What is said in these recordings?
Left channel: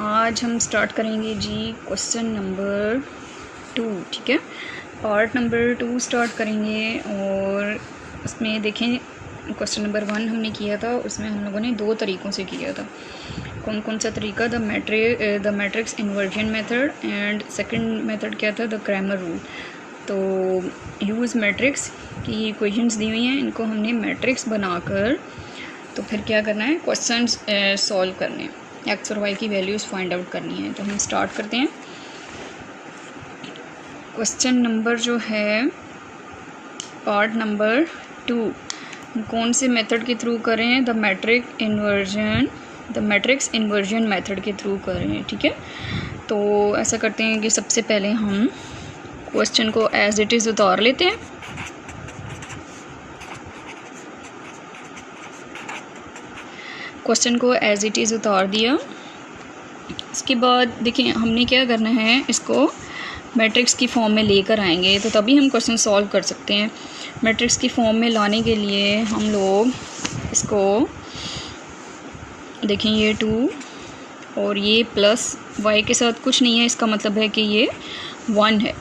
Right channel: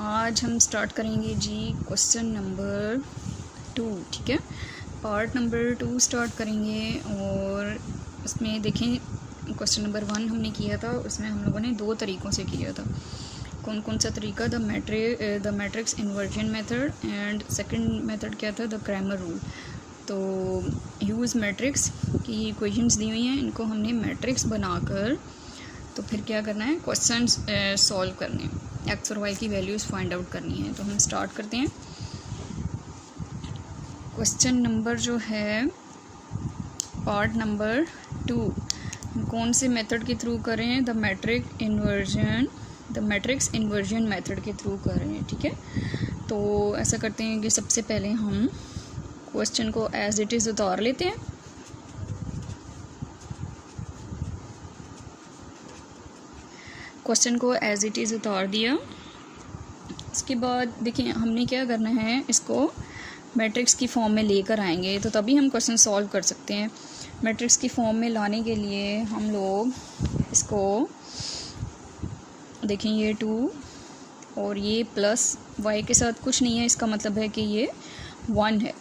आज हम स्टार्ट करेंगे जी क्वेश्चन नंबर 2। ठीक है, पार्ट नंबर 2 स्टार्ट करेंगे। और उसमें देखें, क्वेश्चन नंबर 1 हमने किया था, उसमें हम लोगों ने 2 तरीक़ों से किया था। कौन कौन सा तरीका? The matrix inversion method, and second method क्या था? The Cramer rule. तो यूज़ मैट्रिक्स की इक्वेशंस दी हुई हैं, इनको हमने मैट्रिक्स बनाकर तो फिर क्या करना है, क्वेश्चंस सॉल्व करने हैं, एक्स और वाई की वैल्यूज़ फाइंड आउट करनी है। तो हम स्टार्ट करते हैं। क्वेश्चन नंबर जो है पार्ट नंबर 2, कौन से मेथड के थ्रू करें? द मैट्रिक्स इन्वर्जन मेथड के थ्रू करें। ठीक है, तो ऐसा करते हैं कि सबसे पहले हम क्वेश्चन को एज इट इज़ उतार लेते हैं। क्वेश्चन को एज इट इज़ उतार दिया। इसके बाद देखिए हमने क्या करना है, इसको मैट्रिक्स की फॉर्म में लेकर आएंगे तो तभी हम क्वेश्चन सॉल्व कर सकते हैं। मैट्रिक्स की फॉर्म में लाने के लिए हम लोग इसको देखें, ये 2 और ये प्लस y के साथ कुछ नहीं है, इसका मतलब है कि ये 1 है।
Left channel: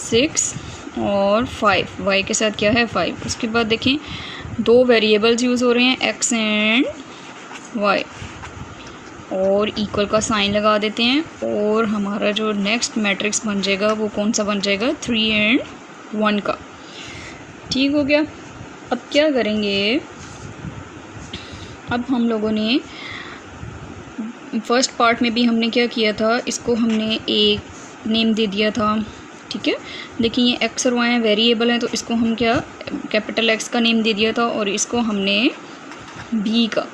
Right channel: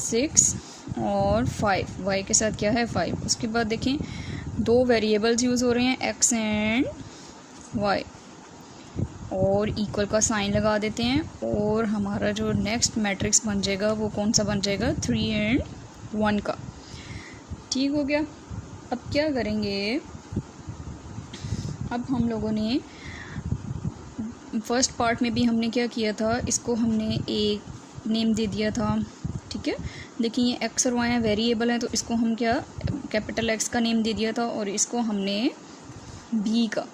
6 और 5, y के साथ क्या है? 5। उसके बाद देखें 2 वेरिएबल्स यूज़ हो रहे हैं, x एंड y, और इक्वल का साइन लगा देते हैं। और हमारा जो नेक्स्ट मैट्रिक्स बन जाएगा वो कौन सा बन जाएगा? 3 एंड 1 का। ठीक हो गया। अब क्या करेंगे, अब हम लोगों ने फर्स्ट पार्ट में भी हमने क्या किया था, इसको हमने एक नेम दे दिया था। ठीक है, देखिए ये x और y हैं, वेरिएबल हैं, तो इसको हम क्या कैपिटल X का नेम दे दिया था, और इसको हमने b का।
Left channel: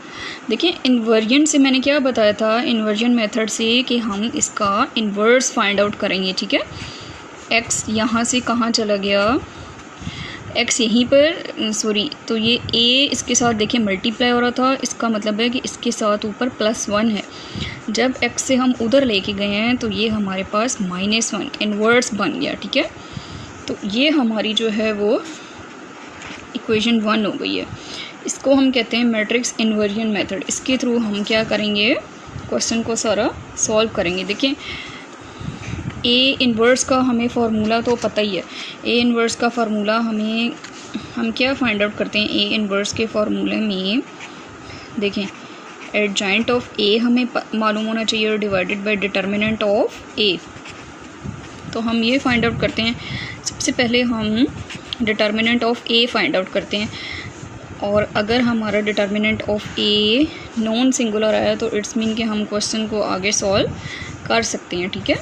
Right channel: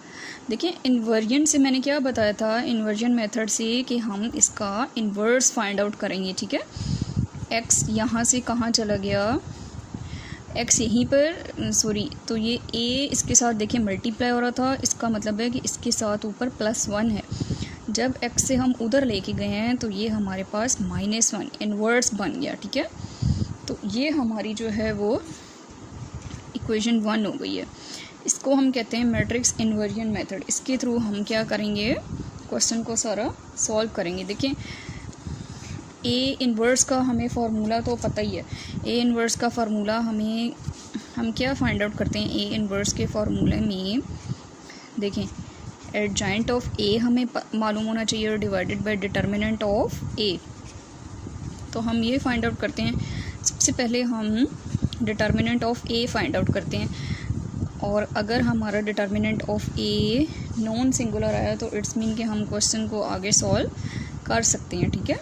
देखिए इन्वर्जन से मैंने क्या बताया था, इन्वर्जन मेथड से कि हम इसका इन्वर्स फाइंड आउट करेंगे। ठीक है, x यहाँ से कहाँ चला गया, x यहीं पर, सॉरी, तो ये a इसके साथ देखिए मल्टीप्लाई हो रहा था, इसका मतलब है कि इसके साथ ऊपर +1 है। जब x से हम उधर लेके गए हैं तो ये हमारे पास -1 इन्वर्स बन गया। ठीक है, तो ये हमारी जो है वो इक्वेशन 1 हो गई है। इसको हम कहते हैं मैट्रिक्स इन्वर्जन मेथड। इसके थ्रू हम क्या करेंगे, क्वेश्चन को सारा सॉल्व करेंगे। देखिए ए इन्वर्स का हमें फार्मूला तो पता ही है। ए इन्वर्स का फार्मूला हम क्या फाइंड आउट करते हैं, ए इन्वर्स के फार्मूले में देखें एडजॉइंट ऑफ ए हमें मालूम होना चाहिए, और divided by determinant of A. तो हम ये फाइंड आउट करते हैं। सबसे पहले हम determinant of A find out करते हैं, और अगर हमारा determinant of a non singular आया तो इट्स मीन कि हम क्वेश्चन को आगे सॉल्व कर सकते हैं। ठीक है,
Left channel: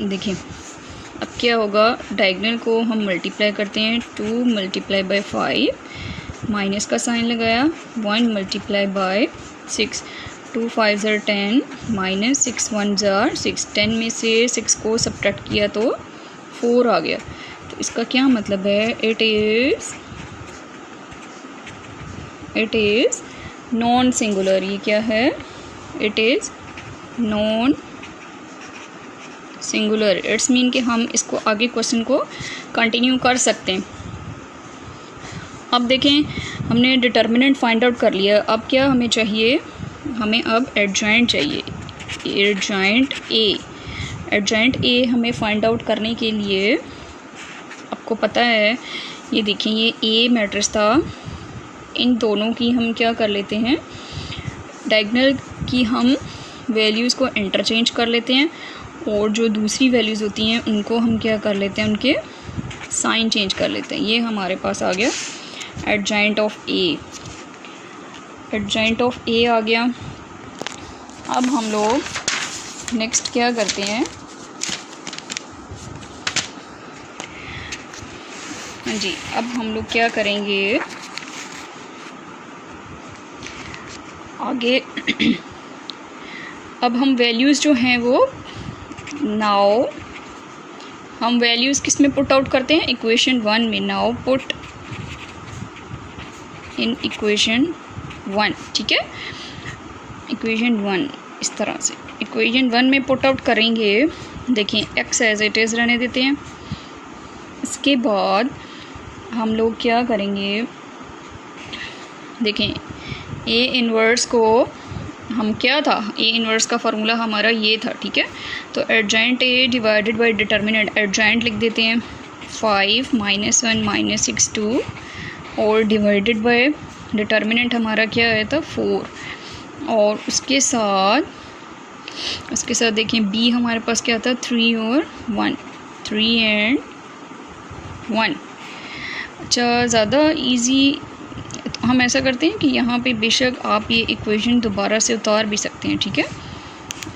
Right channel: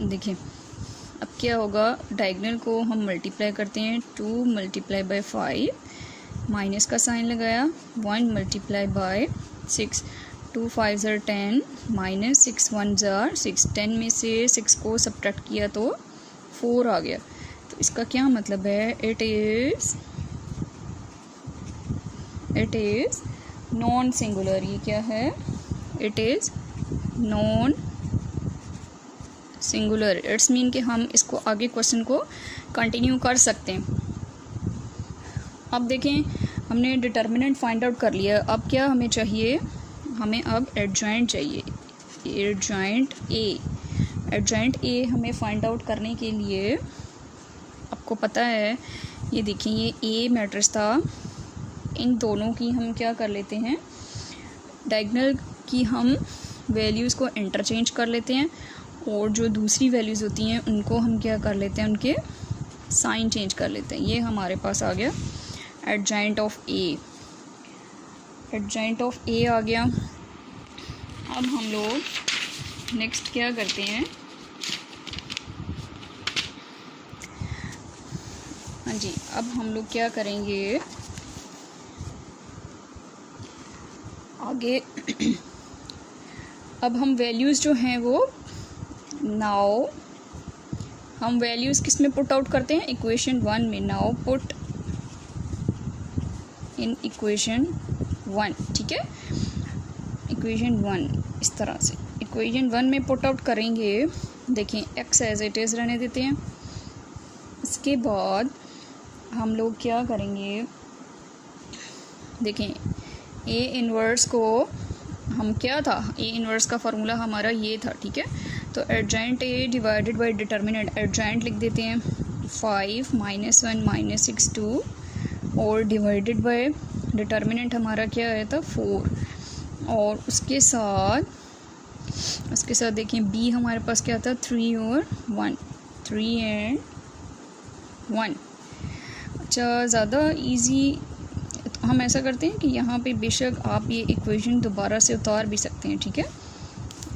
देखिए अब क्या होगा, डायगोनल को हम मल्टीप्लाई करते हैं, 2 मल्टीप्लाई बाय 5, माइनस का साइन लगाया, 1 मल्टीप्लाई बाय 6, 2 5 ज़र 10, माइनस 6 1 ज़र 6, 10 में से 6 को सब्ट्रैक्ट किया तो 4 आ गया। तो इसका क्या मतलब है, इट इज़ नॉन सिंगुलर। ये क्या है, it is non singular. It's mean कि हम इसको आगे क्वेश्चन को कंटिन्यू कर सकते हैं। अब देखें हमने डिटर्मिनेंट फाइंड आउट कर लिया। अब क्या हमें चाहिए, हमें अब एडजॉइंट चाहिए, एडजॉइंट ए हमें फाइंड आउट करने के लिए आपको पता है, ये देखिए ये ए मैट्रिक्स था, इन दोनों की हम क्या कर लेते हैं, डायगोनल की हम वैल्यूज़ को इंटरचेंज कर लेते हैं, और जो दूसरी वैल्यूज़ होती हैं उनको हम क्या कर लेते हैं, उनके साइन चेंज कर लेते हैं। ये हमारे पास आ गया adjoint of A, adjoint of A आ गया। अब हम लोग नेक्स्ट क्या करते हैं, हाँ जी, अब हम लोग क्या करेंगे आगे अब हम वैल्यूज़ जो हैं वो नाउ हम वैल्यूज़ किस में पुट आउट करते हैं, इक्वेशन 1 में। Now put in equation 1। ठीक है, इक्वेशन 1 इस तरह से इक्वेशन 1 में पुट आउट करेंगे। देखिए x एज इट इज़ रहने देते हैं। इसके बाद हम लोग क्या करेंगे, देखें ए इन्वर्स को हम क्या था, ए इन्वर्स का फार्मूला हमारा ये था, ठीक है। तो adjoint A divided by determinant, adjoint लिख देते हैं 5 -1 -6 2 और डिवाइडेड बाय डिटर्मिनेंट हमारा क्या आया था 4। और उसके साथ देखें बी हमारे पास क्या था 3 और 1, 3 एंड 1। अच्छा, ज़्यादा इजी हम ऐसा करते हैं कि यहाँ पे बेशक आप ये इक्वेशन दोबारा से उतार भी सकते हैं, ठीक है।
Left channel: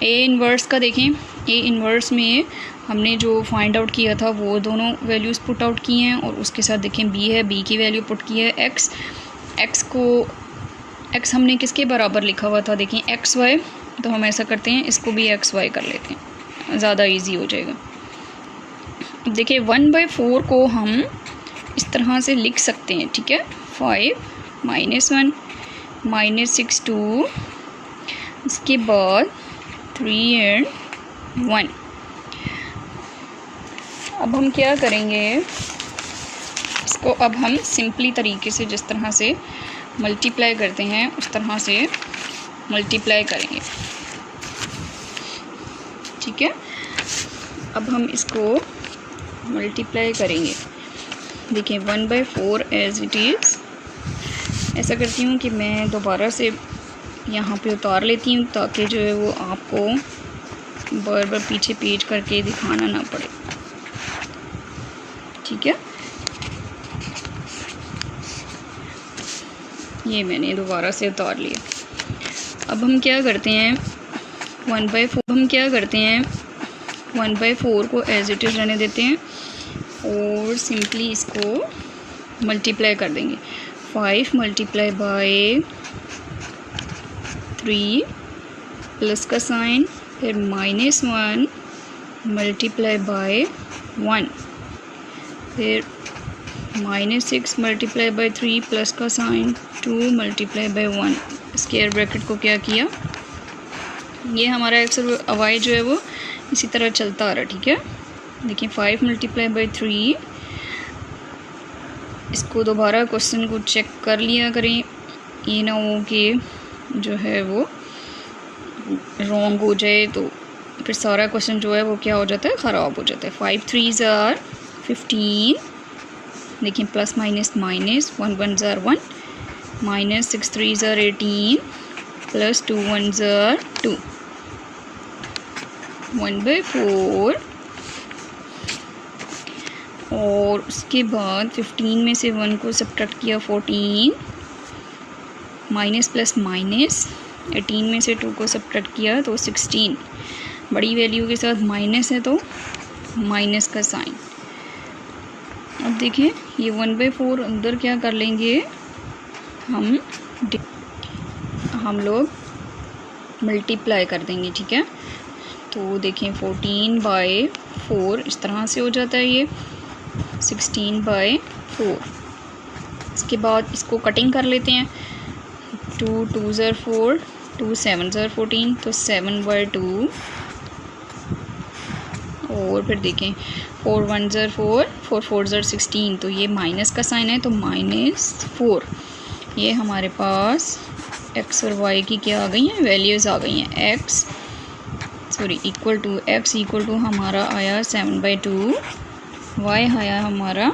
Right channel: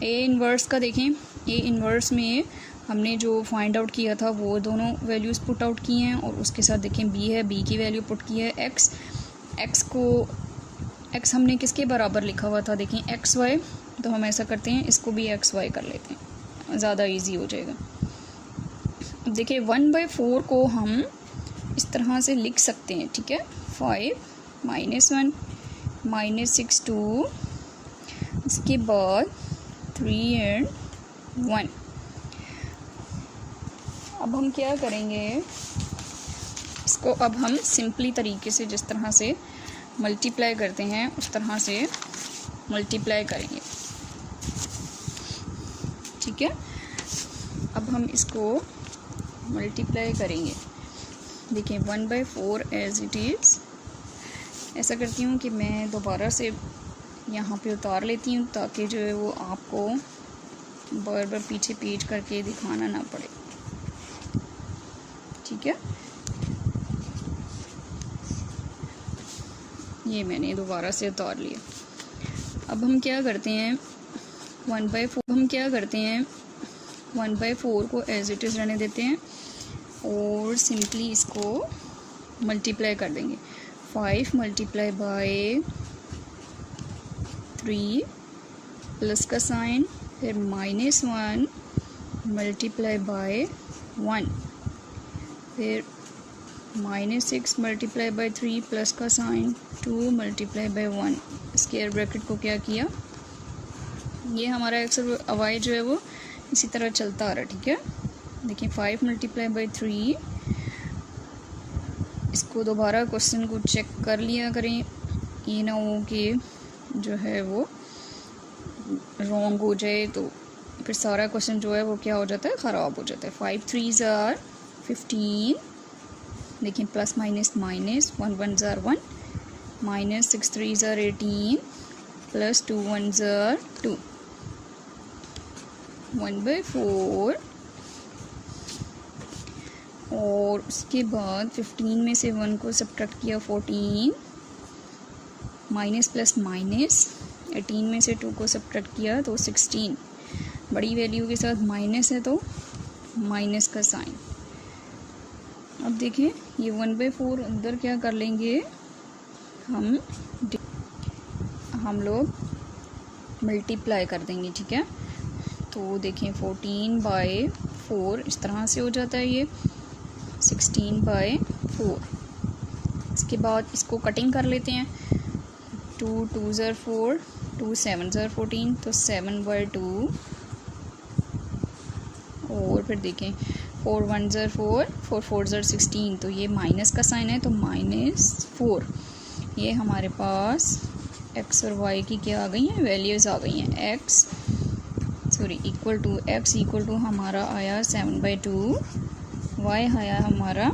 ए इन्वर्स का देखें, ए इन्वर्स में हमने जो फाइंड आउट किया था वो दोनों वैल्यूज़ पुट आउट किए हैं और उसके साथ देखें बी है, बी की वैल्यू पुट की है, एक्स हमने किसके बराबर लिखा हुआ था, देखें एक्स वाई। तो हम ऐसा करते हैं इसको भी एक्स वाई कर लेते हैं, ज़्यादा इजी हो जाएगा। अब देखिए 1/4 को हम इस तरह से लिख सकते हैं, ठीक है। 5 -1 -6 2, इसके बाद 3 एंड 1। अब हम क्या करेंगे, इसको अब हम सिंपली तरीके से जिस तरह से मल्टीप्लाई करते हैं उस तरह से मल्टीप्लाई करेंगे, ठीक है। अब हम इसको मल्टीप्लाई करेंगे, देखिए 1/4 एज इट इज़। ऐसा करती हूँ कि मैं दोबारा से यहाँ पे उतार लेती हूँ ताकि जो है वो आपको बार बार पीछे पेज करके दिखाना ना पड़े, ठीक है। ये मैंने दोबारा से उतार लिया। अब हम क्या करते हैं 1/4 को एज इट इज़ रहने देते हैं और सिंपली इसको मल्टीप्लाई कर देंगे। 5 मल्टीप्लाई बाय 3 प्लस का साइन, फिर -1 मल्टीप्लाई बाय 1, फिर -6 मल्टीप्लाई बाय 3 प्लस का sign 2 multiply by 1। Square bracket को क्या किया, ये हमारा एक्स और वाई जो है वो इसी तरह चलता आ रहा है, ठीक है। देखिए 5 मल्टीप्लाई बाय 3, इसको दोबारा क्वेश्चन को चेक कर लिया करें, ये ना हो कि जो है वो रॉन्ग हो जाए तो फिर सारा क्वेश्चन जो है वो क्या हो जाता है, ख़राब हो जाता है। 5 3s are 15, देखिए plus minus minus, 1 1s are 1, -6 3s are 18, plus 2 1s are 2। 1/4 और उसके बाद 15 में से 1 को सब्ट्रैक्ट किया 14, माइनस प्लस माइनस, 18 में से 2 को सब्ट्रैक्ट किया तो 16। बड़ी वैल्यू के साथ माइनस है तो माइनस का साइन। अब देखिए ये 1/4 अंदर क्या कर लेंगे, हम लोग मल्टीप्लाई कर देंगे, ठीक है। तो देखें 14/4 इस तरह से हो जाता है, ये 16/4। इसके बाद इसको कटिंग कर लेते हैं, 2 2s are 4, 2 7s are 14, तो 7/2। और फिर देखें 4 1s are 4, 4 4s are 16, तो ये माइनस का साइन है तो -4। ये हमारे पास एक्स और वाई की क्या आ गई हैं, वैल्यूज़ आ गई हैं। एक्स इक्वल टू हमारा आया 7/2, वाई आया हमारा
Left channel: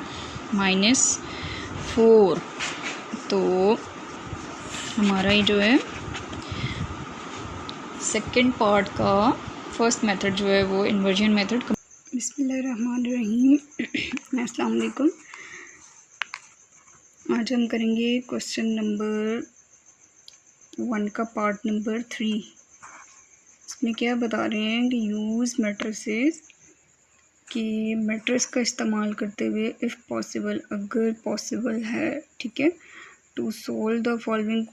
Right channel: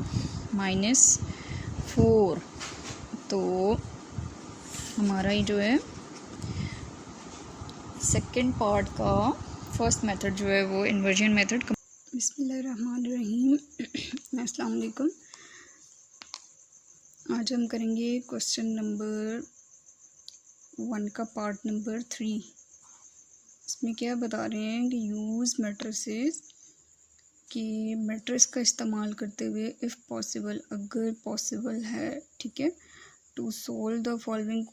-4। तो हमारा ही जो है सेकंड पार्ट का फर्स्ट मेथड जो है वो इन्वर्जन मेथड। बिस्मिल्लाहिर्रहमानिर्रहीम, अस्सलाम वालेकुम। आज हम करेंगे क्वेश्चन नंबर 1 का पार्ट नंबर 3। इसमें क्या बता रहे हैं कि यूज़ मैट्रिसेस कि मैट्रिक्स का इस्तेमाल करते हुए इफ़ पॉसिबल, अगर पॉसिबल है, ठीक है, to solve the following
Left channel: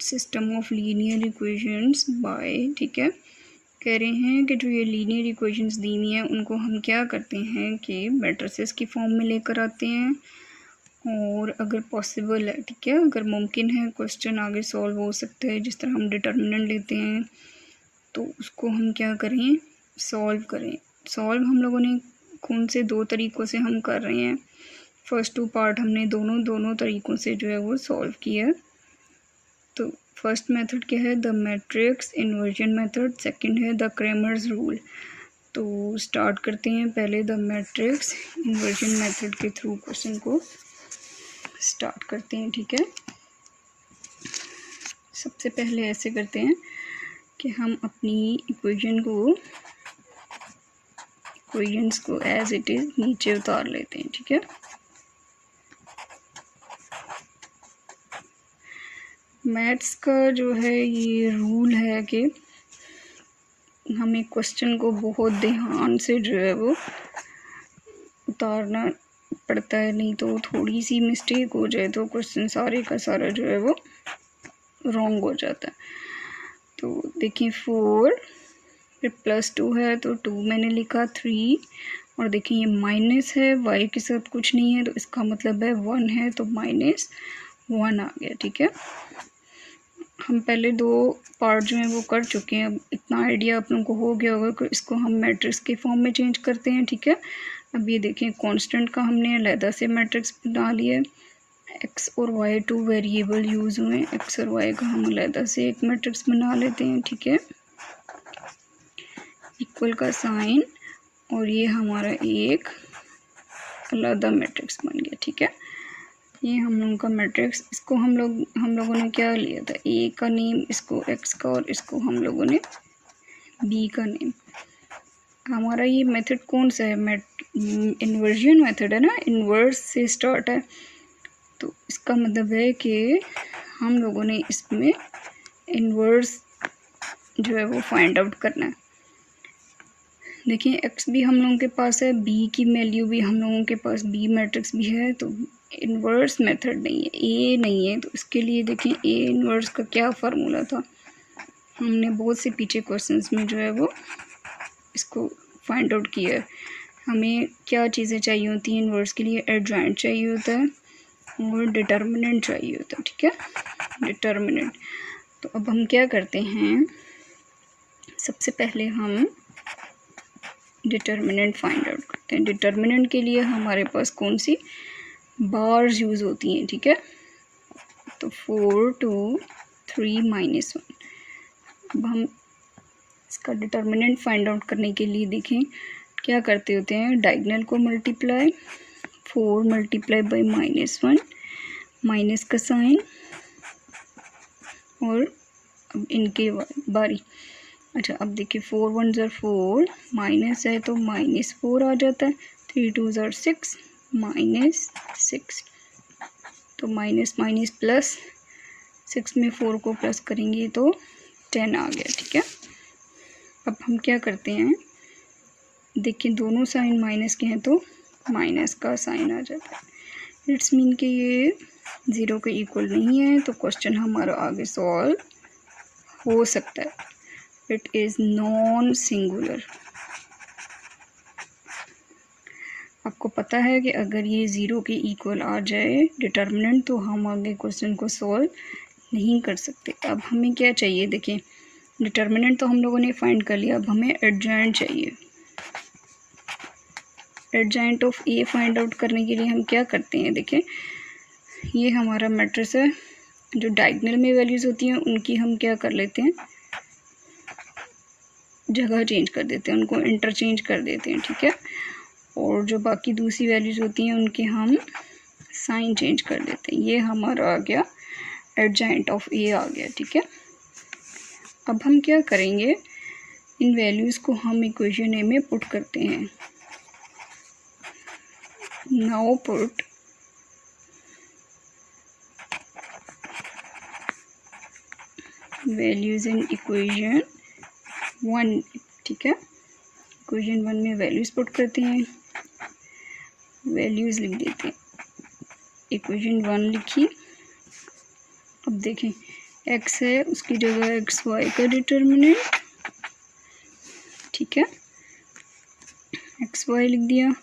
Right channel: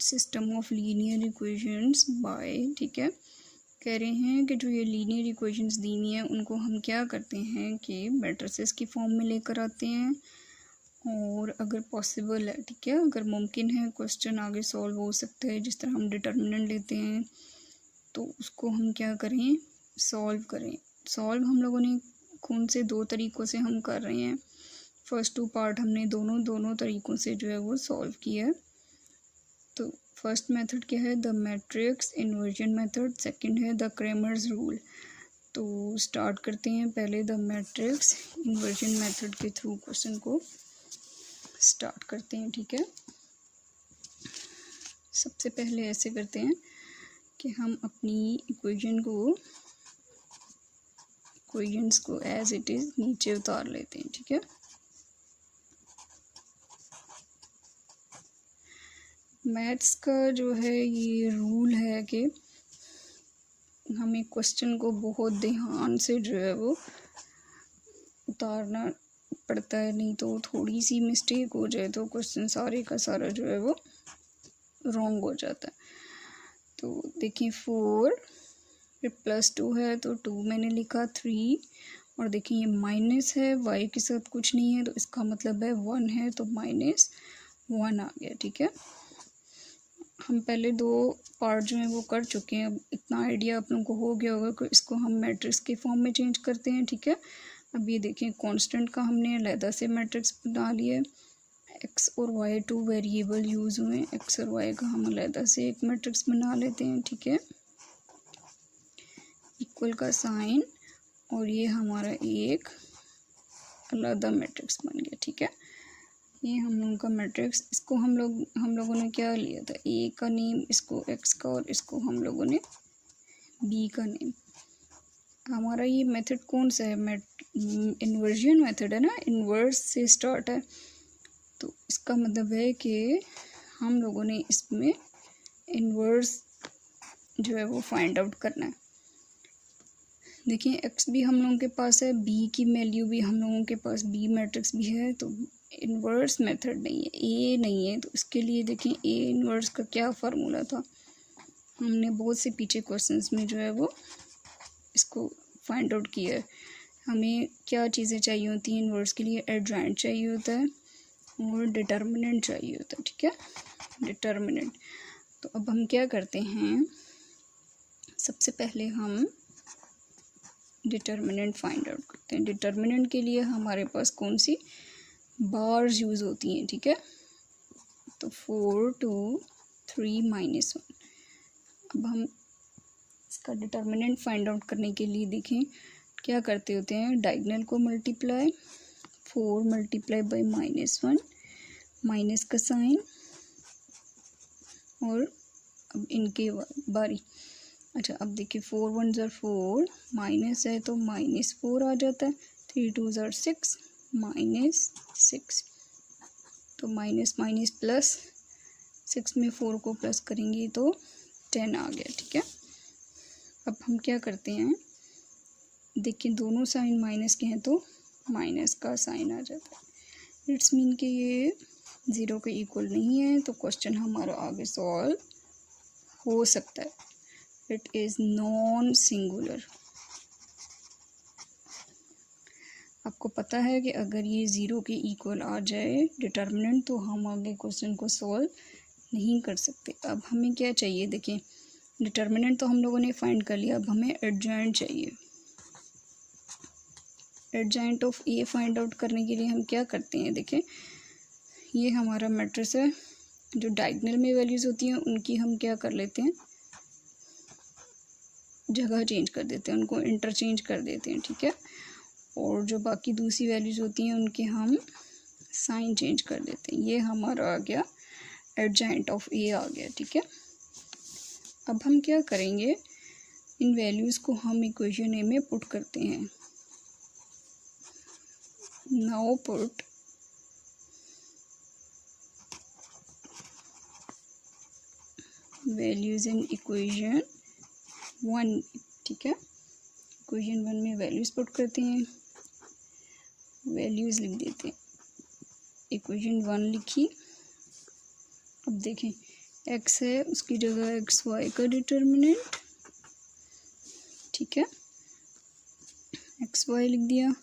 system of linear equations by, ठीक है। कह रहे हैं कि जो ये लीनियर इक्वेशंस दी हुई हैं उनको हम क्या करते हैं कि मैट्रिसेस की फॉर्म में लेकर आते हैं और अगर पॉसिबल है, ठीक है, अगर मुमकिन है क्वेश्चन आगे सॉल्व हो सकता है। जिस तरह हम डिटर्मिनेंट लेते हैं तो उसको हम क्या करें, सॉल्व करें। सॉल्व हम लोगों ने कौन से 2 तरीक़ों से हम कर रहे हैं, फर्स्ट 2 पार्ट हमने दोनों तरीक़ों से जो है वो सॉल्व किया। तो फर्स्ट मेथड क्या है, the matrix inversion method, second है द क्रेमर्स रूल। तो स्टार्ट करते हैं पहले द मैट्रिक्स इन्वर्जन मेथड के थ्रू क्वेश्चन को स्टार्ट करते हैं। ठीक है, सबसे पहले ऐसे करते हैं कि हम अपनी इक्वेशंस को एज इट इज़ नीचे उतार लेते हैं। ठीक है, मैथ्स का जो है ये रूल है कि हमें क्वेश्चन को बहुत ध्यान से जो है वो उतारना पड़ता है, नहीं तो थोड़ी सी मिस्टेक हो जाए तो क्वेश्चन सारे का सारा जो है वो रॉन्ग हो जाता है। तो देखिए 4 फिर +2 है तो 2 मैंने लिखा, 3 और देखिए ये माइनस है, y के साथ कुछ नहीं है तो इसका मतलब है 1 है तो -1 आ गया। ठीक है, हम पहले 2 पार्ट जो हैं वो कर चुके हैं, अब इतना आइडिया आप लोगों को हो गया होगा कि इसको हम मैट्रिक्स के फॉर्म में चेंज करते हैं। ठीक है, अब ये देखें कांस्टेंट का हमने अलहदा से मैट्रिक्स बना लिया है, x और y 2 वेरिएबल यूज़ हुए, x और y का हम अलहदा से एक मैट्रिक्स बना लेते हैं। ठीक है, इक्वल का साइन और ये हमारा एक अलहदा मैट्रिक्स बन गया। ठीक है, ये हम लोगों का मैट्रिक्स, इसको हम लोगों ने क्या लिया था, a का नेम, इसको x का और इसको हम लोगों ने b का नेम। हमारा ये मेथड कौन सा है, इन्वर्जन मेथड है ना, इन्वर्स से स्टार्ट है। तो इसका मतलब है कि हम लोगों ने इसमें इन्वर्स जो है वो फाइंड आउट करना है। देखिए x भी हम लोगों के पास है, b की वैल्यू भी हम लोगों के पास, b मैट्रिक्स भी है, तो इन्वर्स मेथड नहीं है, a नहीं है। तो इसके लिए देखिए a इन्वर्स का क्या फार्मूला था, हमने बहुत से पीछे क्वेश्चंस में जो है वो इसको फाइंड आउट किया है। हमें क्या चीज़ें चाहिए होती हैं इन्वर्स के लिए, एडजॉइंट चाहिए होता है और डिटर्मिनेंट चाहिए होता है। ठीक है, डिटर्मिनेंट। तो अब हम क्या करते हैं, सबसे पहले हम डिटर्मिनेंट फाइंड आउट करते हैं। डिटर्मिनेंट के लिए हमारे पास कौन सी बार्स यूज़ होती हैं। ठीक है, तो 4 2 3 -1। अब हम इसका डिटर्मिनेंट फाइंड आउट करने के लिए देखें क्या करते होते हैं, डायगोनल को मल्टीप्लाई, 4 × -1, माइनस का साइन और अब इनके बारी। अच्छा, अब देखिए 4 1 ज़र 4, माइनस है तो -4 आ जाता है, 3 2 ज़र 6, -6, तो माइनस माइनस प्लस, 6 में 4 को प्लस करेंगे तो 10 आ गया। ठीक है, अब हम क्या करते हैं, देखिए दोनों साइन माइनस के हैं तो माइनस का साइन आ जाता है। इट्स मीन कि ये 0 के इक्वल नहीं है, तो क्वेश्चन हमारा आगे सॉल्व हो सकता है। It is non singular. आपको पता है कि अगर ये 0 के इक्वल आ जाए डिटर्मिनेंट तो हम आगे क्वेश्चन को सॉल्व नहीं कर सकते। अब हमें क्या चाहिए, देखें डिटर्मिनेंट तो हम लोगों ने फाइंड कर लिया, अब हमें एडजॉइंट चाहिए। Adjoint of A find out करने के लिए हम क्या करते हैं, देखें ये हमारा मैट्रिक्स है, जो डायगोनल में वैल्यूज़ होती हैं उनकी हम क्या कर लेते हैं, जगह चेंज कर देते हैं, उनको इंटरचेंज कर देते हैं। ठीक है, और जो बाकी दूसरी वैल्यूज़ होती हैं उनके हम साइन चेंज कर देते हैं। ये हमारा आ गया एडजॉइंट ऑफ ए आ गया। ठीक है, अब हम क्या करेंगे, इन वैल्यूज़ को हम इक्वेशन ए में पुट करते हैं। Now put values in equation 1। ठीक है, इक्वेशन 1 में वैल्यूज़ पुट करते हैं, वैल्यूज़ लिख देते हैं, इक्वेशन 1 लिखी। अब देखें x है उसकी जगह xy का डिटर्मिनेंट। ठीक है, xy लिख दिया।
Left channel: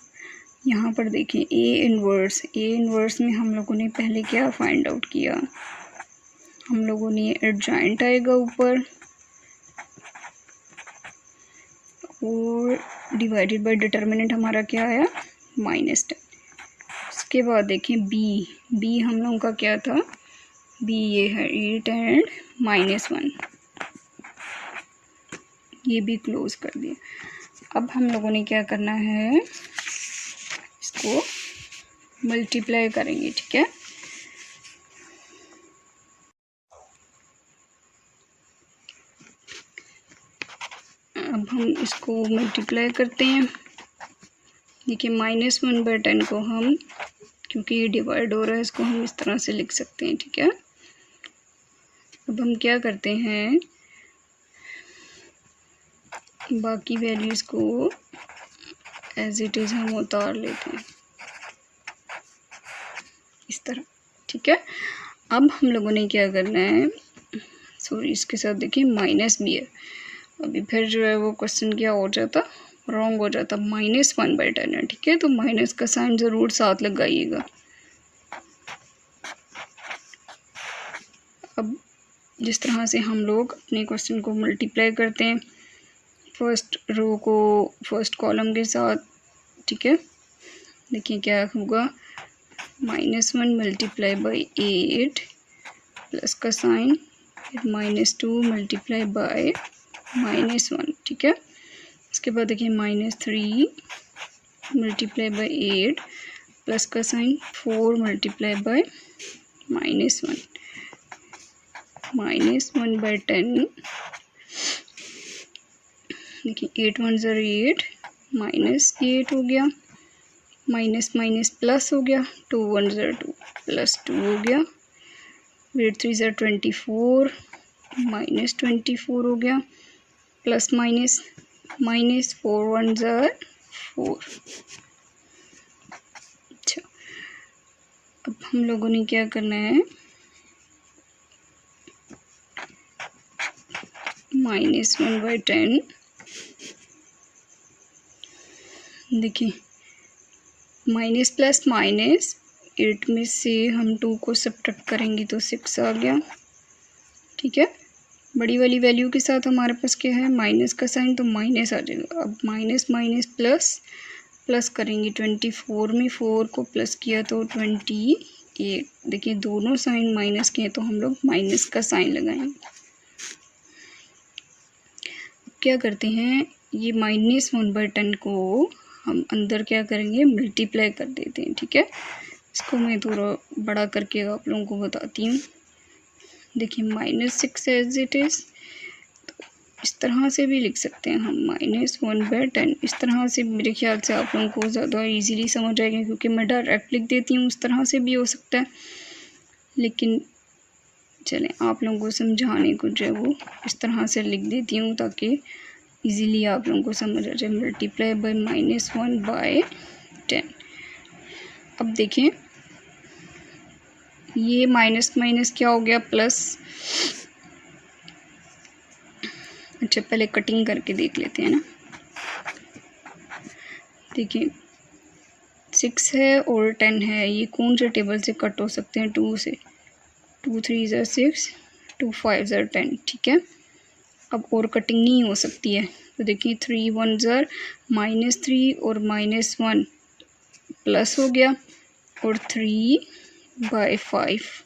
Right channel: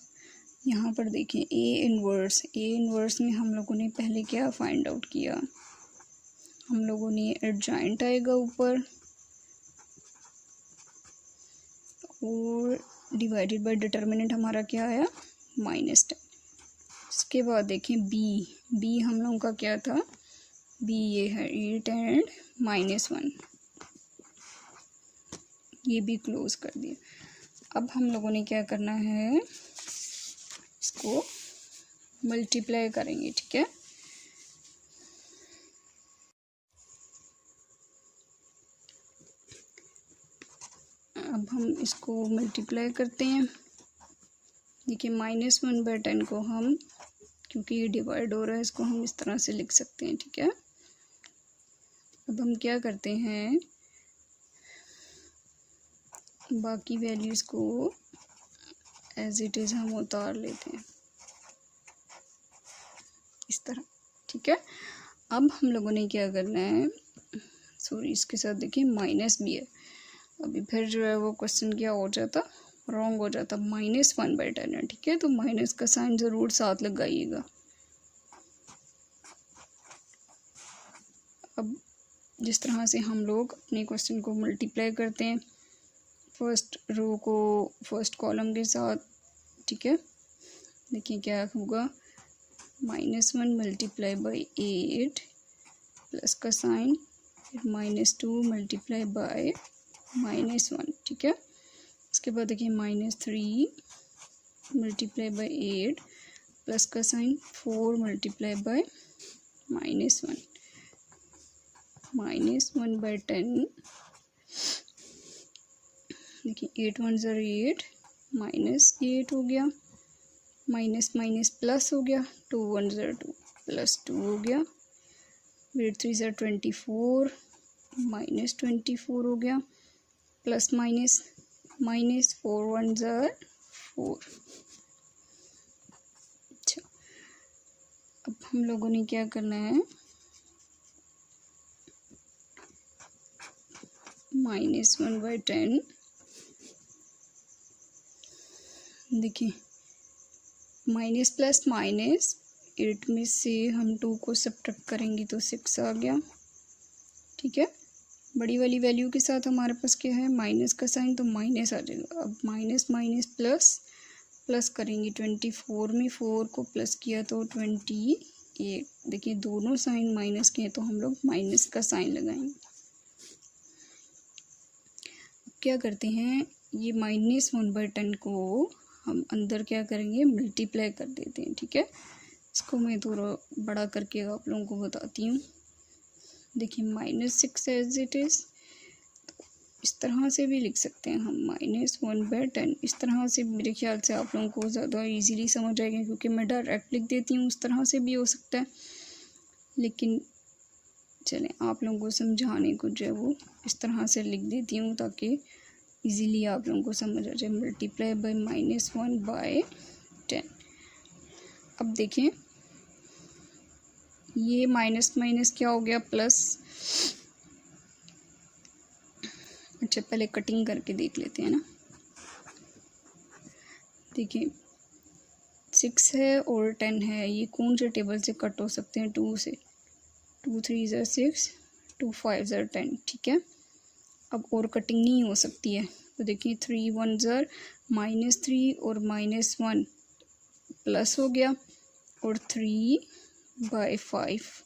यहाँ पर देखें a इन्वर्स में हम लोगों ने पहले क्या फाइंड आउट किया, हम लोगों ने एडजॉइंट आएगा ऊपर और डिवाइडेड बाय डिटर्मिनेंट हमारा क्या आया -10। उसके बाद देखें b हम लोगों का क्या था, b ये है 8 एंड -1, ये भी क्लोज कर दिया। अब हम लोगों ने क्या करना है, इसको मल्टीप्लाई करेंगे, ठीक है। अब हम इसको मल्टीप्लाई करते हैं। देखिए -1/10 को हम, क्योंकि ये डिवाइड हो रहा है, इसको हम इस तरह से लिख सकते हैं, ठीक है। अब हम क्या करते हैं, बाकी वैल्यूज़ को एज इट इज़ हम उतार लेते हैं इस तरह, ठीक है। अब हम लोगों ने क्या करना है, सॉरी इसके साथ देखिए माइनस भी है, अभी फिर जो है वो क्वेश्चन क्या हो जाता, रॉन्ग हो जाता। -1/10 है, ठीक है, तो माइनस का साइन ज़रूर साथ लगाइएगा। अब जिस तरह से हम लोग अपने क्वेश्चन को मल्टीप्लाई करते हैं, फर्स्ट रो को फर्स्ट कॉलम के साथ, ठीक है। देखिए क्या होगा, -1 मल्टीप्लाई बाई 8 प्लस का साइन, फिर -2 मल्टीप्लाई बाय -1, ठीक है। इसके बाद देखिए -3 मल्टीप्लाई बाय 8 प्लस का साइन, 4 मल्टीप्लाई बाय -1, -1/10। देखिए 8 1 ज़र 8, -8 हो गया, माइनस माइनस प्लस हो गया, 2 1 ज़र 2, +2 हो गया, 8 3 ज़र 24, -24 हो गया, प्लस माइनस माइनस, 4 1 ज़र 4। अच्छा, अब हम लोगों ने क्या करना है, -1/10, देखिए माइनस प्लस माइनस, 8 में से हम 2 को सब्ट्रैक्ट करेंगे तो 6 आ गया, ठीक है। बड़ी वाली वैल्यू के साथ हमारे पास क्या है, माइनस का साइन, तो माइनस आ जाएगा। अब माइनस माइनस प्लस, प्लस करेंगे 24 में 4 को प्लस किया तो 28। देखिए दोनों साइन माइनस के हैं तो हम लोग माइनस का साइन लगाएंगे। क्या करते हैं, ये -1/10 को हम अंदर क्या करेंगे, मल्टीप्लाई कर देते हैं, ठीक है। इसको मैं थोड़ा बड़ा करके आप लोगों को बताती हूँ। देखिए -6 एज इट इज़, तो इस तरह से भी लिख सकते हैं हम, -1/10। इस तरह से मेरे ख्याल से आप लोगों को ज़्यादा इजीली समझ आएगा, क्योंकि मैं डायरेक्ट लिख देती हूँ, उस तरह से भी हो सकता है, लेकिन चलें आप लोगों को समझाने को जो है वो इस तरह से लिख देती हूँ ताकि इजीली आप लोगों को समझ आ जाए। Multiply by -1/10। अब देखें ये माइनस माइनस क्या हो गया, प्लस। अच्छा पहले कटिंग करके देख लेते हैं ना। देखिए 6 है और 10 है, ये कौन से टेबल से कट हो सकते हैं, 2 से। 2 3 ज़र 6, 2 5 ज़र 10, ठीक है। अब और कटिंग नहीं हो सकती है, तो देखिए 3 1 ज़र -3 और -1 प्लस हो गया, और 3/5।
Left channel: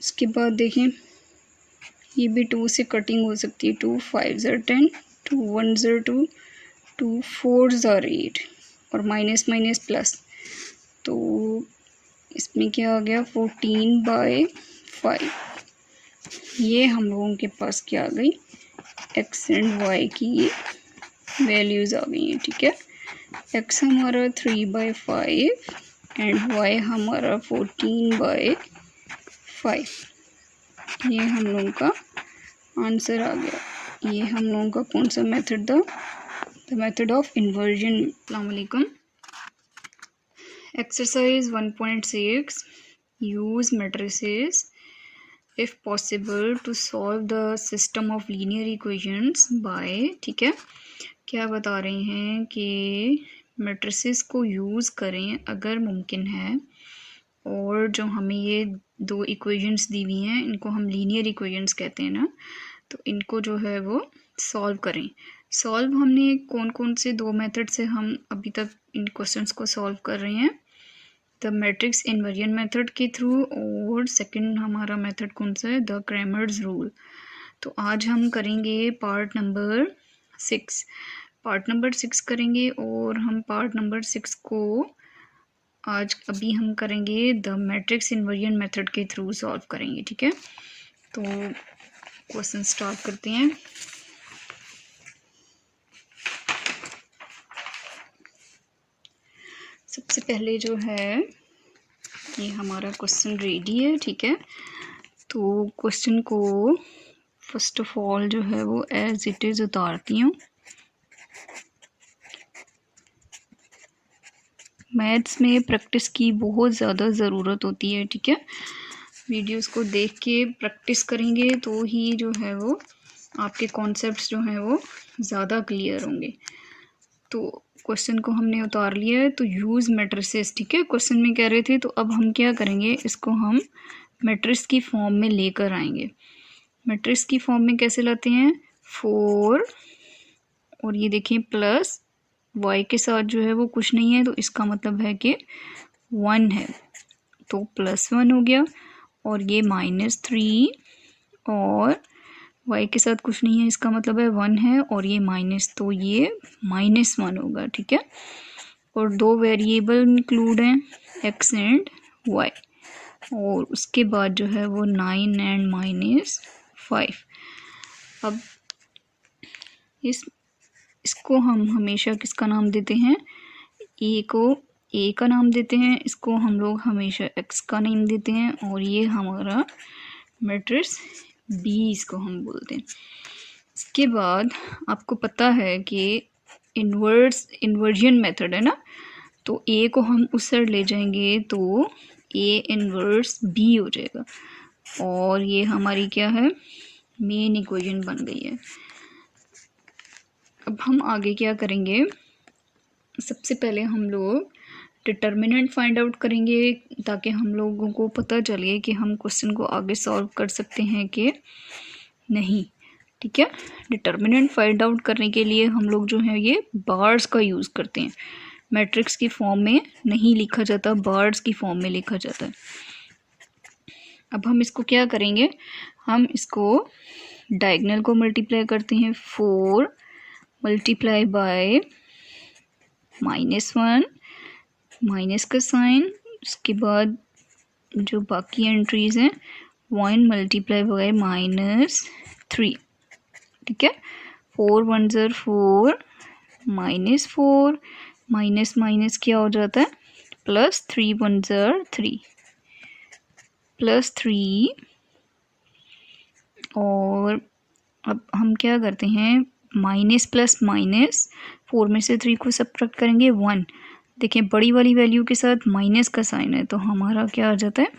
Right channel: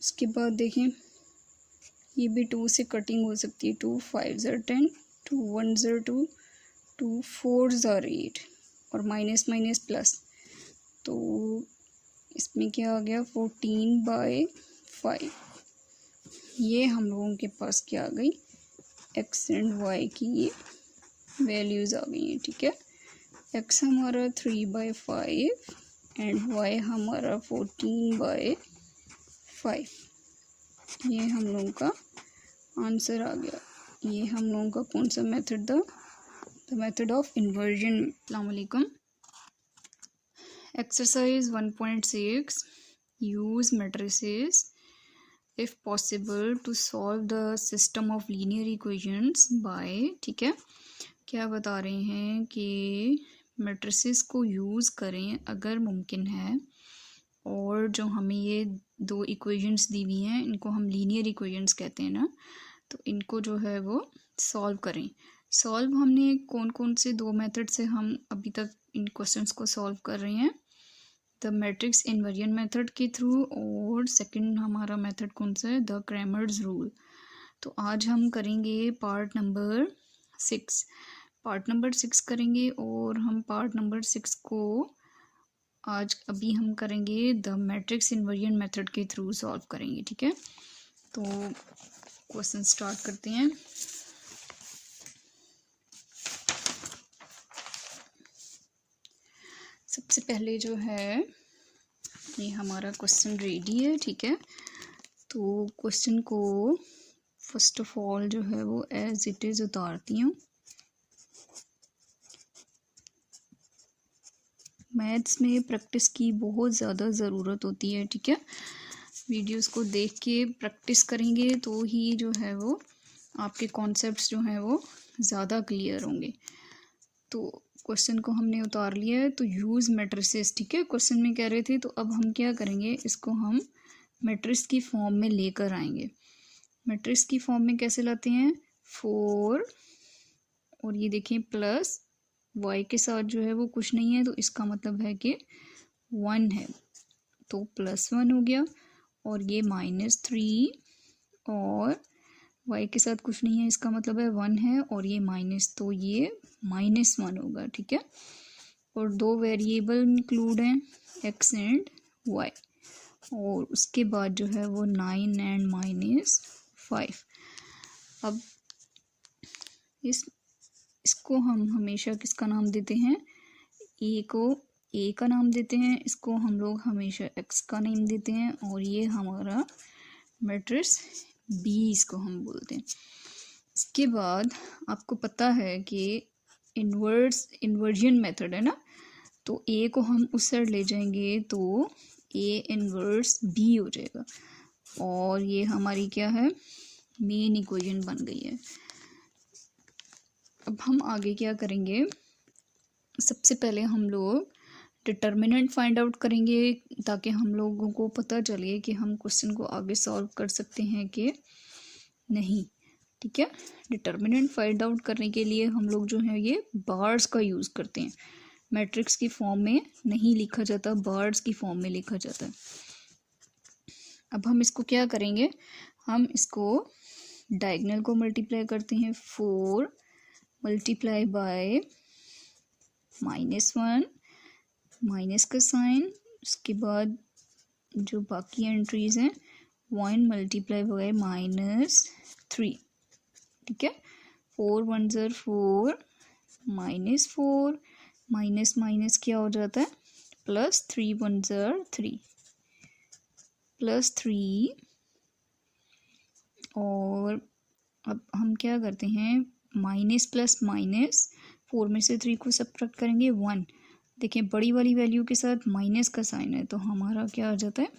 इसके बाद देखें ये भी 2 से कटिंग हो सकती है, 2 5 ज़र 10, 2 1 ज़र 2, 2 4 ज़र 8, और माइनस माइनस प्लस, तो इसमें क्या आ गया, 14/5। ये हम लोगों के पास क्या आ गई, x एंड y की वैल्यूज़ आ गई हैं, ठीक है। x हमारा 3/5 एंड y हमारा 14/5। ये हम लोगों का आंसर आ गया। ये हम लोगों का कौन सा मेथड था, द मेथड ऑफ इन्वर्जन। अस्सलाम वालेकुम। Exercise 1.6, use matrices if possible to solve the system of linear equations by, ठीक है। क्या बता रहे हैं कि मैट्रिसेस को यूज़ करें अगर मुमकिन है, और जो हमें ये 2 इक्वेशंस दी हुई हैं इनको हम लीनियर इक्वेशंस कहते हैं ना, तो इनको जो है वो सॉल्व करें। सॉल्व हमने कौन कौन से 2 मेथड से हम अभी तक इन क्वेश्चंस को सॉल्व कर रहे हैं। द मैट्रिक्स इन्वर्जन मेथड के थ्रू, और सेकंड हमारा मेथड कौन सा है, द क्रैमर्स रूल। तो आज हम करेंगे पार्ट नंबर 6 करेंगे, और हम पार्ट नंबर 6 को आज अभी हम करेंगे द मैट्रिक्स इन्वर्जन मेथड के थ्रू सॉल्व करेंगे। ठीक है, तो क्वेश्चन स्टार्ट करते हैं। सबसे पहले जो है ये हमारा क्वेश्चन रेडी है। ठीक है, तो क्वेश्चन को फर्स्ट ऑफ ऑल जो है वो एज इट इज़ उतारती हूँ। मैथ्स में प्रैक्टिस की बहुत ज़्यादा ज़रूरत होती है। ठीक है, वीडियोस को देख के प्रैक्टिस करेंगे तो ही जो है वो आपके कॉन्सेप्ट्स जो हैं वो ज़्यादा क्लियर होंगे। तो क्वेश्चन को हमने उतार लिया है, तो यूज़ मैट्रिसेस। ठीक है, क्वेश्चन में कह रहे थे, तो अब हम क्या करेंगे, इसको हम मैट्रिक्स की फॉर्म में लेकर आएंगे। मैट्रिक्स की फॉर्म में कैसे लाते हैं, 4 और ये देखिए प्लस y के साथ जो है वो कुछ नहीं है, तो इसका मतलब है कि 1 है, तो +1 हो गया। और ये -3 और y के साथ कुछ नहीं है, इसका मतलब है 1 है, और ये माइनस, तो ये -1 होगा। ठीक है, और 2 वेरिएबल इंक्लूड हैं, x एंड y, और उसके बाद जो है वो 9 एंड -5। अब इसको हम हमेशा किसका नाम देते हैं, ए को ए का नाम देते हैं, इसको हम लोग हमेशा x का नाम देते हैं, और ये हमारा मैट्रिक्स बी इसको हम बोलते हैं। इसके बाद आपको पता है कि इन्वर्जन मेथड है ना, तो ए को हम उस साइड ले जाएंगे तो ए इन्वर्स बी हो जाएगा, और ये हमारी क्या है, मेन इक्वेशन बन गई है। अब हम आगे क्या करेंगे, सबसे पहले हम लोग डिटर्मिनेंट फाइंड आउट करेंगे, ताकि हम लोगों को पता चले कि हम क्वेश्चन को आगे सॉल्व कर सकते हैं कि नहीं। ठीक है, डिटर्मिनेंट फाइंड आउट करने के लिए हम लोग जो है ये बार्स का यूज़ करते हैं। मैट्रिक्स की फॉर्म में नहीं लिखा जाता, बार्स की फॉर्म में लिखा जाता है। अब हम इसको क्या करेंगे, हम इसको डायगोनल को मल्टीप्लाई करते हैं, 4 मल्टीप्लाई बाय -1, माइनस का साइन, उसके बाद जो बाकी एंट्रीज हैं 1 मल्टीप्लाई बाय -3। ठीक है, 4 1 ज़र 4, -4, माइनस माइनस क्या हो जाता है, +3 1 ज़र 3, +3। और अब हम क्या करते हैं, माइनस प्लस माइनस, 4 में से 3 को सब्ट्रैक्ट करेंगे 1। देखिए बड़ी वाली वैल्यू के साथ माइनस का साइन है, तो हमारा क्या आ जाता है,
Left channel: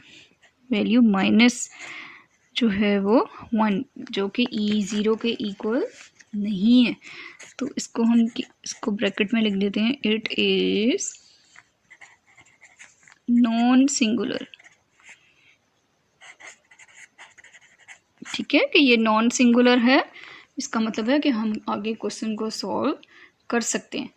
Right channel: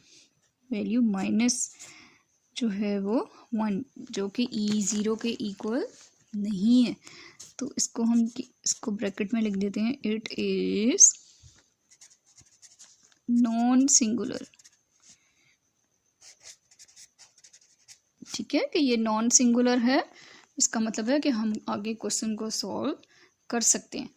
वैल्यू माइनस जो है वो 1, जो कि E0 के इक्वल नहीं है। तो इसको हम इसको ब्रैकेट में लिख देते हैं, इट इज नॉन सिंगुलर। ठीक है, कि ये नॉन सिंगुलर है, इसका मतलब है कि हम आगे क्वेश्चन को सॉल्व कर सकते हैं।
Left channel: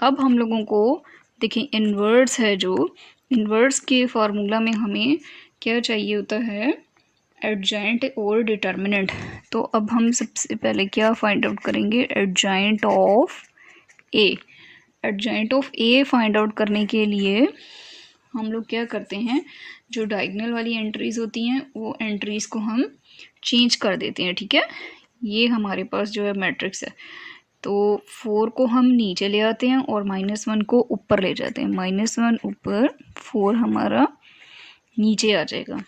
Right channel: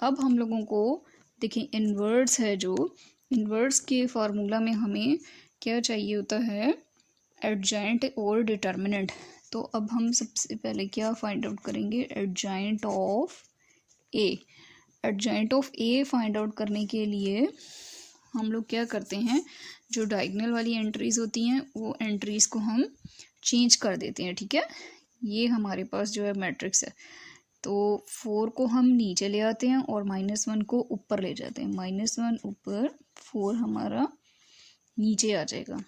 अब हम लोगों को देखिए इन्वर्स है, जो इन्वर्स के फार्मूला में हमें क्या चाहिए होता है, एडजॉइंट और डिटर्मिनेंट। तो अब हम सबसे पहले क्या फाइंड आउट करेंगे, adjoint of A. Adjoint of A find out करने के लिए हम लोग क्या करते हैं, जो डायगोनल वाली एंट्रीज होती हैं वो एंट्रीज को हम चेंज कर देते हैं। ठीक है, ये हमारे पास जो है मैट्रिक्स है, तो 4 को हम नीचे ले आते हैं और -1 को ऊपर ले जाते हैं, -1 ऊपर, 4 हमारा नीचे आ जाएगा।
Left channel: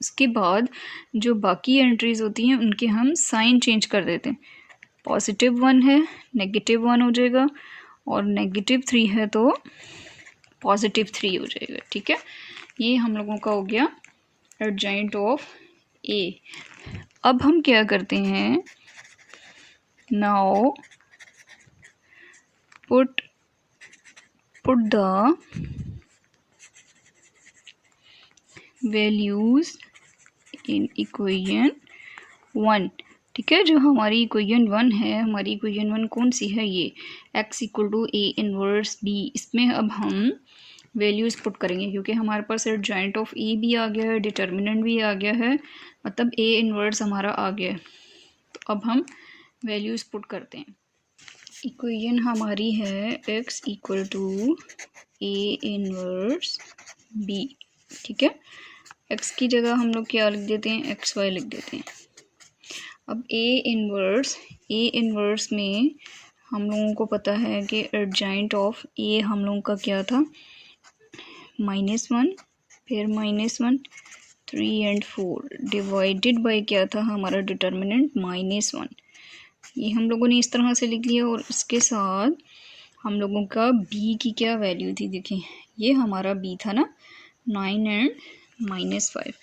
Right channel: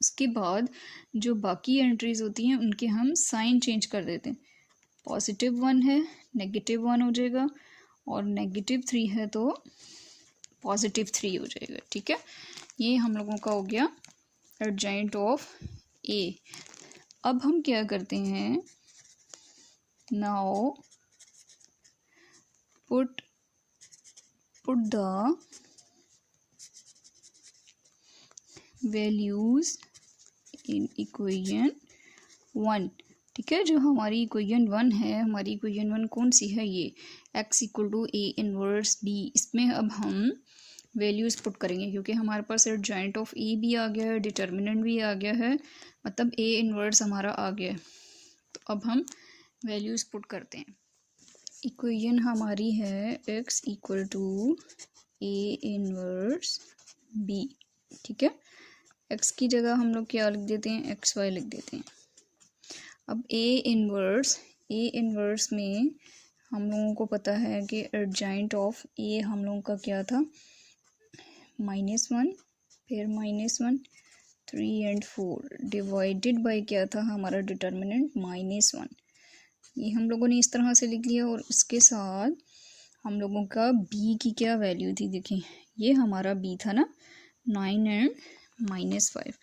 उसके बाद जो बाकी एंट्रीज होती हैं उनके हम साइन चेंज कर देते हैं, +1 है -1 हो जाएगा, और -3 है तो +3 हो जाएगा। ठीक है, ये हम लोगों का हो गया एडजॉइंट ऑफ ए। अब हम क्या करते हैं, now put the values in equation 1। ठीक है, जो हमारी इक्वेशन 1 है, हमारी इक्वेशन 1 कौन सी है, ये x = a इनवर्स b। इसमें अब हम वैल्यूज़ पुट करेंगे, क्योंकि हमारे पास एडजॉइंट ऑफ ए भी आ गया है, डिटर्मिनेंट भी आ गया है, मतलब ए इनवर्स हमारा आ गया है। तो अब हम वैल्यूज़ पुट करते हैं। इक्वेशन हमारी है x equal to A inverse B, ठीक है। x की जगह हम लोग क्या लिख देते हैं, xy लिख देते हैं। अब ए इनवर्स में हम लोगों को पता है कि एडजॉइंट ऑफ ए हम लोगों का क्या था, -1, फिर -1, 3 एंड 4 डिवाइडेड बाय क्या था हमारा डिटर्मिनेंट -1। ये हम लोगों ने इस तरह से लिख लिया, और इसके साथ हम लोगों का b की क्या वैल्यू थी, देखिए ये हमारा b था ना, 9 एंड -5।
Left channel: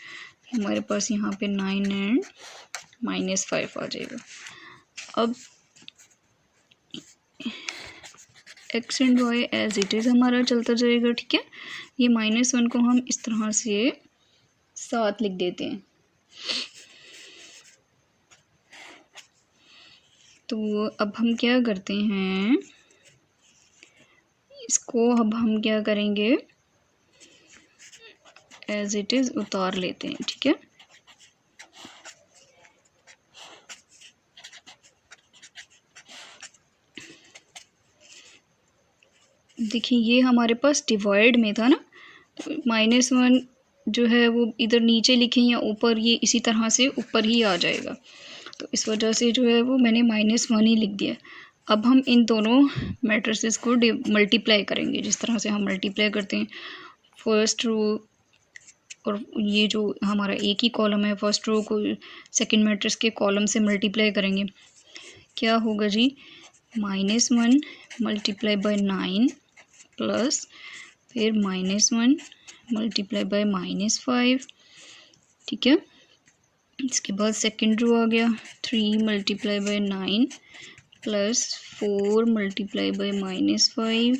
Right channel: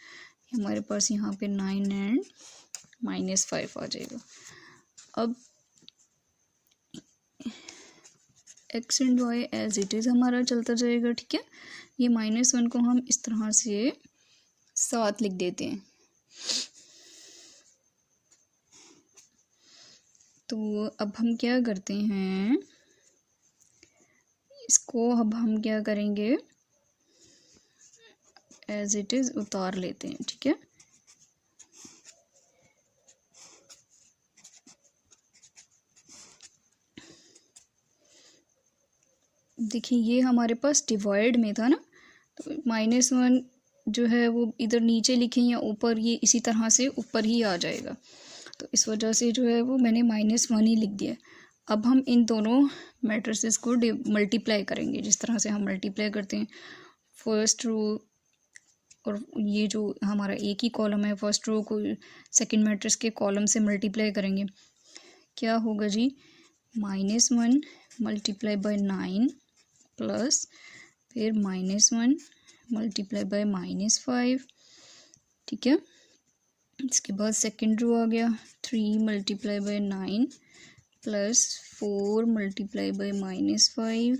हमारे पास यहाँ पे 9 एंड -5 आ जाएगा। अब x and y as it is हमारा चलता जाएगा, ठीक है। ये -1 को हम इस तरह से साथ लिख देते हैं। तो अब हम क्या करते हैं, इसको अब हम क्या करेंगे, एज इट इज़ उतार लेते हैं, ठीक है। देखिए ये हमारे पास डिवाइड में था ना, तो -1 जो है वो इधर नीचे लिखें या ऊपर, ये इसी तरह से ऊपर ही आ जाएगा, तो इस वजह से जो है वो मैंने -1 ही लिख दिया। अब हम इन दोनों मैट्रिसेस को मल्टीप्लाई करेंगे, जिस तरह से हम मल्टीप्लाई करते हैं फर्स्ट रो, और ये जो हमारा एक ही कॉलम है, फर्स्ट रो को सेकंड मैट्रिक्स के कॉलम से मल्टीप्लाई करेंगे। क्या होगा जी, -1 मल्टीप्लाई बाय 9 प्लस फिर -1 मल्टीप्लाई बाय -5, ठीक है। इसके बाद सेकंड रो आ गया, 3 multiply by 9 plus 4 multiply by -5।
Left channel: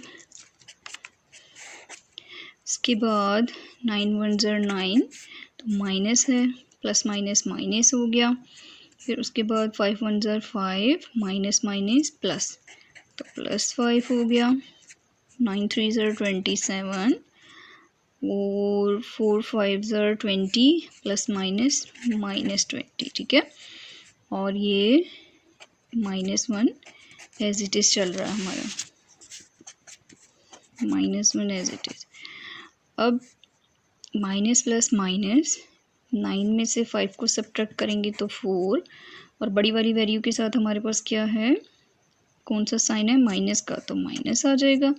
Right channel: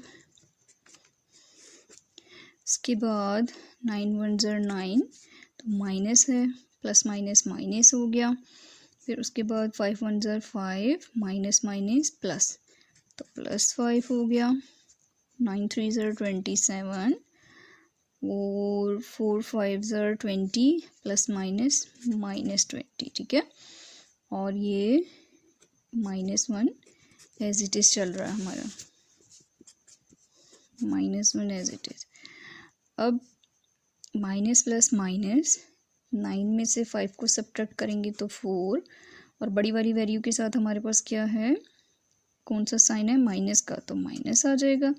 इसके बाद 9 1 ज़र 9, तो माइनस है, प्लस माइनस माइनस हो गया। फिर उसके बाद 5 1 ज़र 5, माइनस माइनस प्लस, तो +5 हो गया। 9 3 ज़र 27 और 4 5 ज़र 20, प्लस माइनस -20, ठीक है। और ये -1 एज इट इज़ चल रहा है हमारा, -1 एज इट इज़। अब माइनस प्लस माइनस, 9 में से 5 को सब्ट्रैक्ट करेंगे तो 4, और बड़ी वाली वैल्यू के साथ हमारे पास क्या है, कौन सा साइन है, माइनस का, तो माइनस आ जाएगा।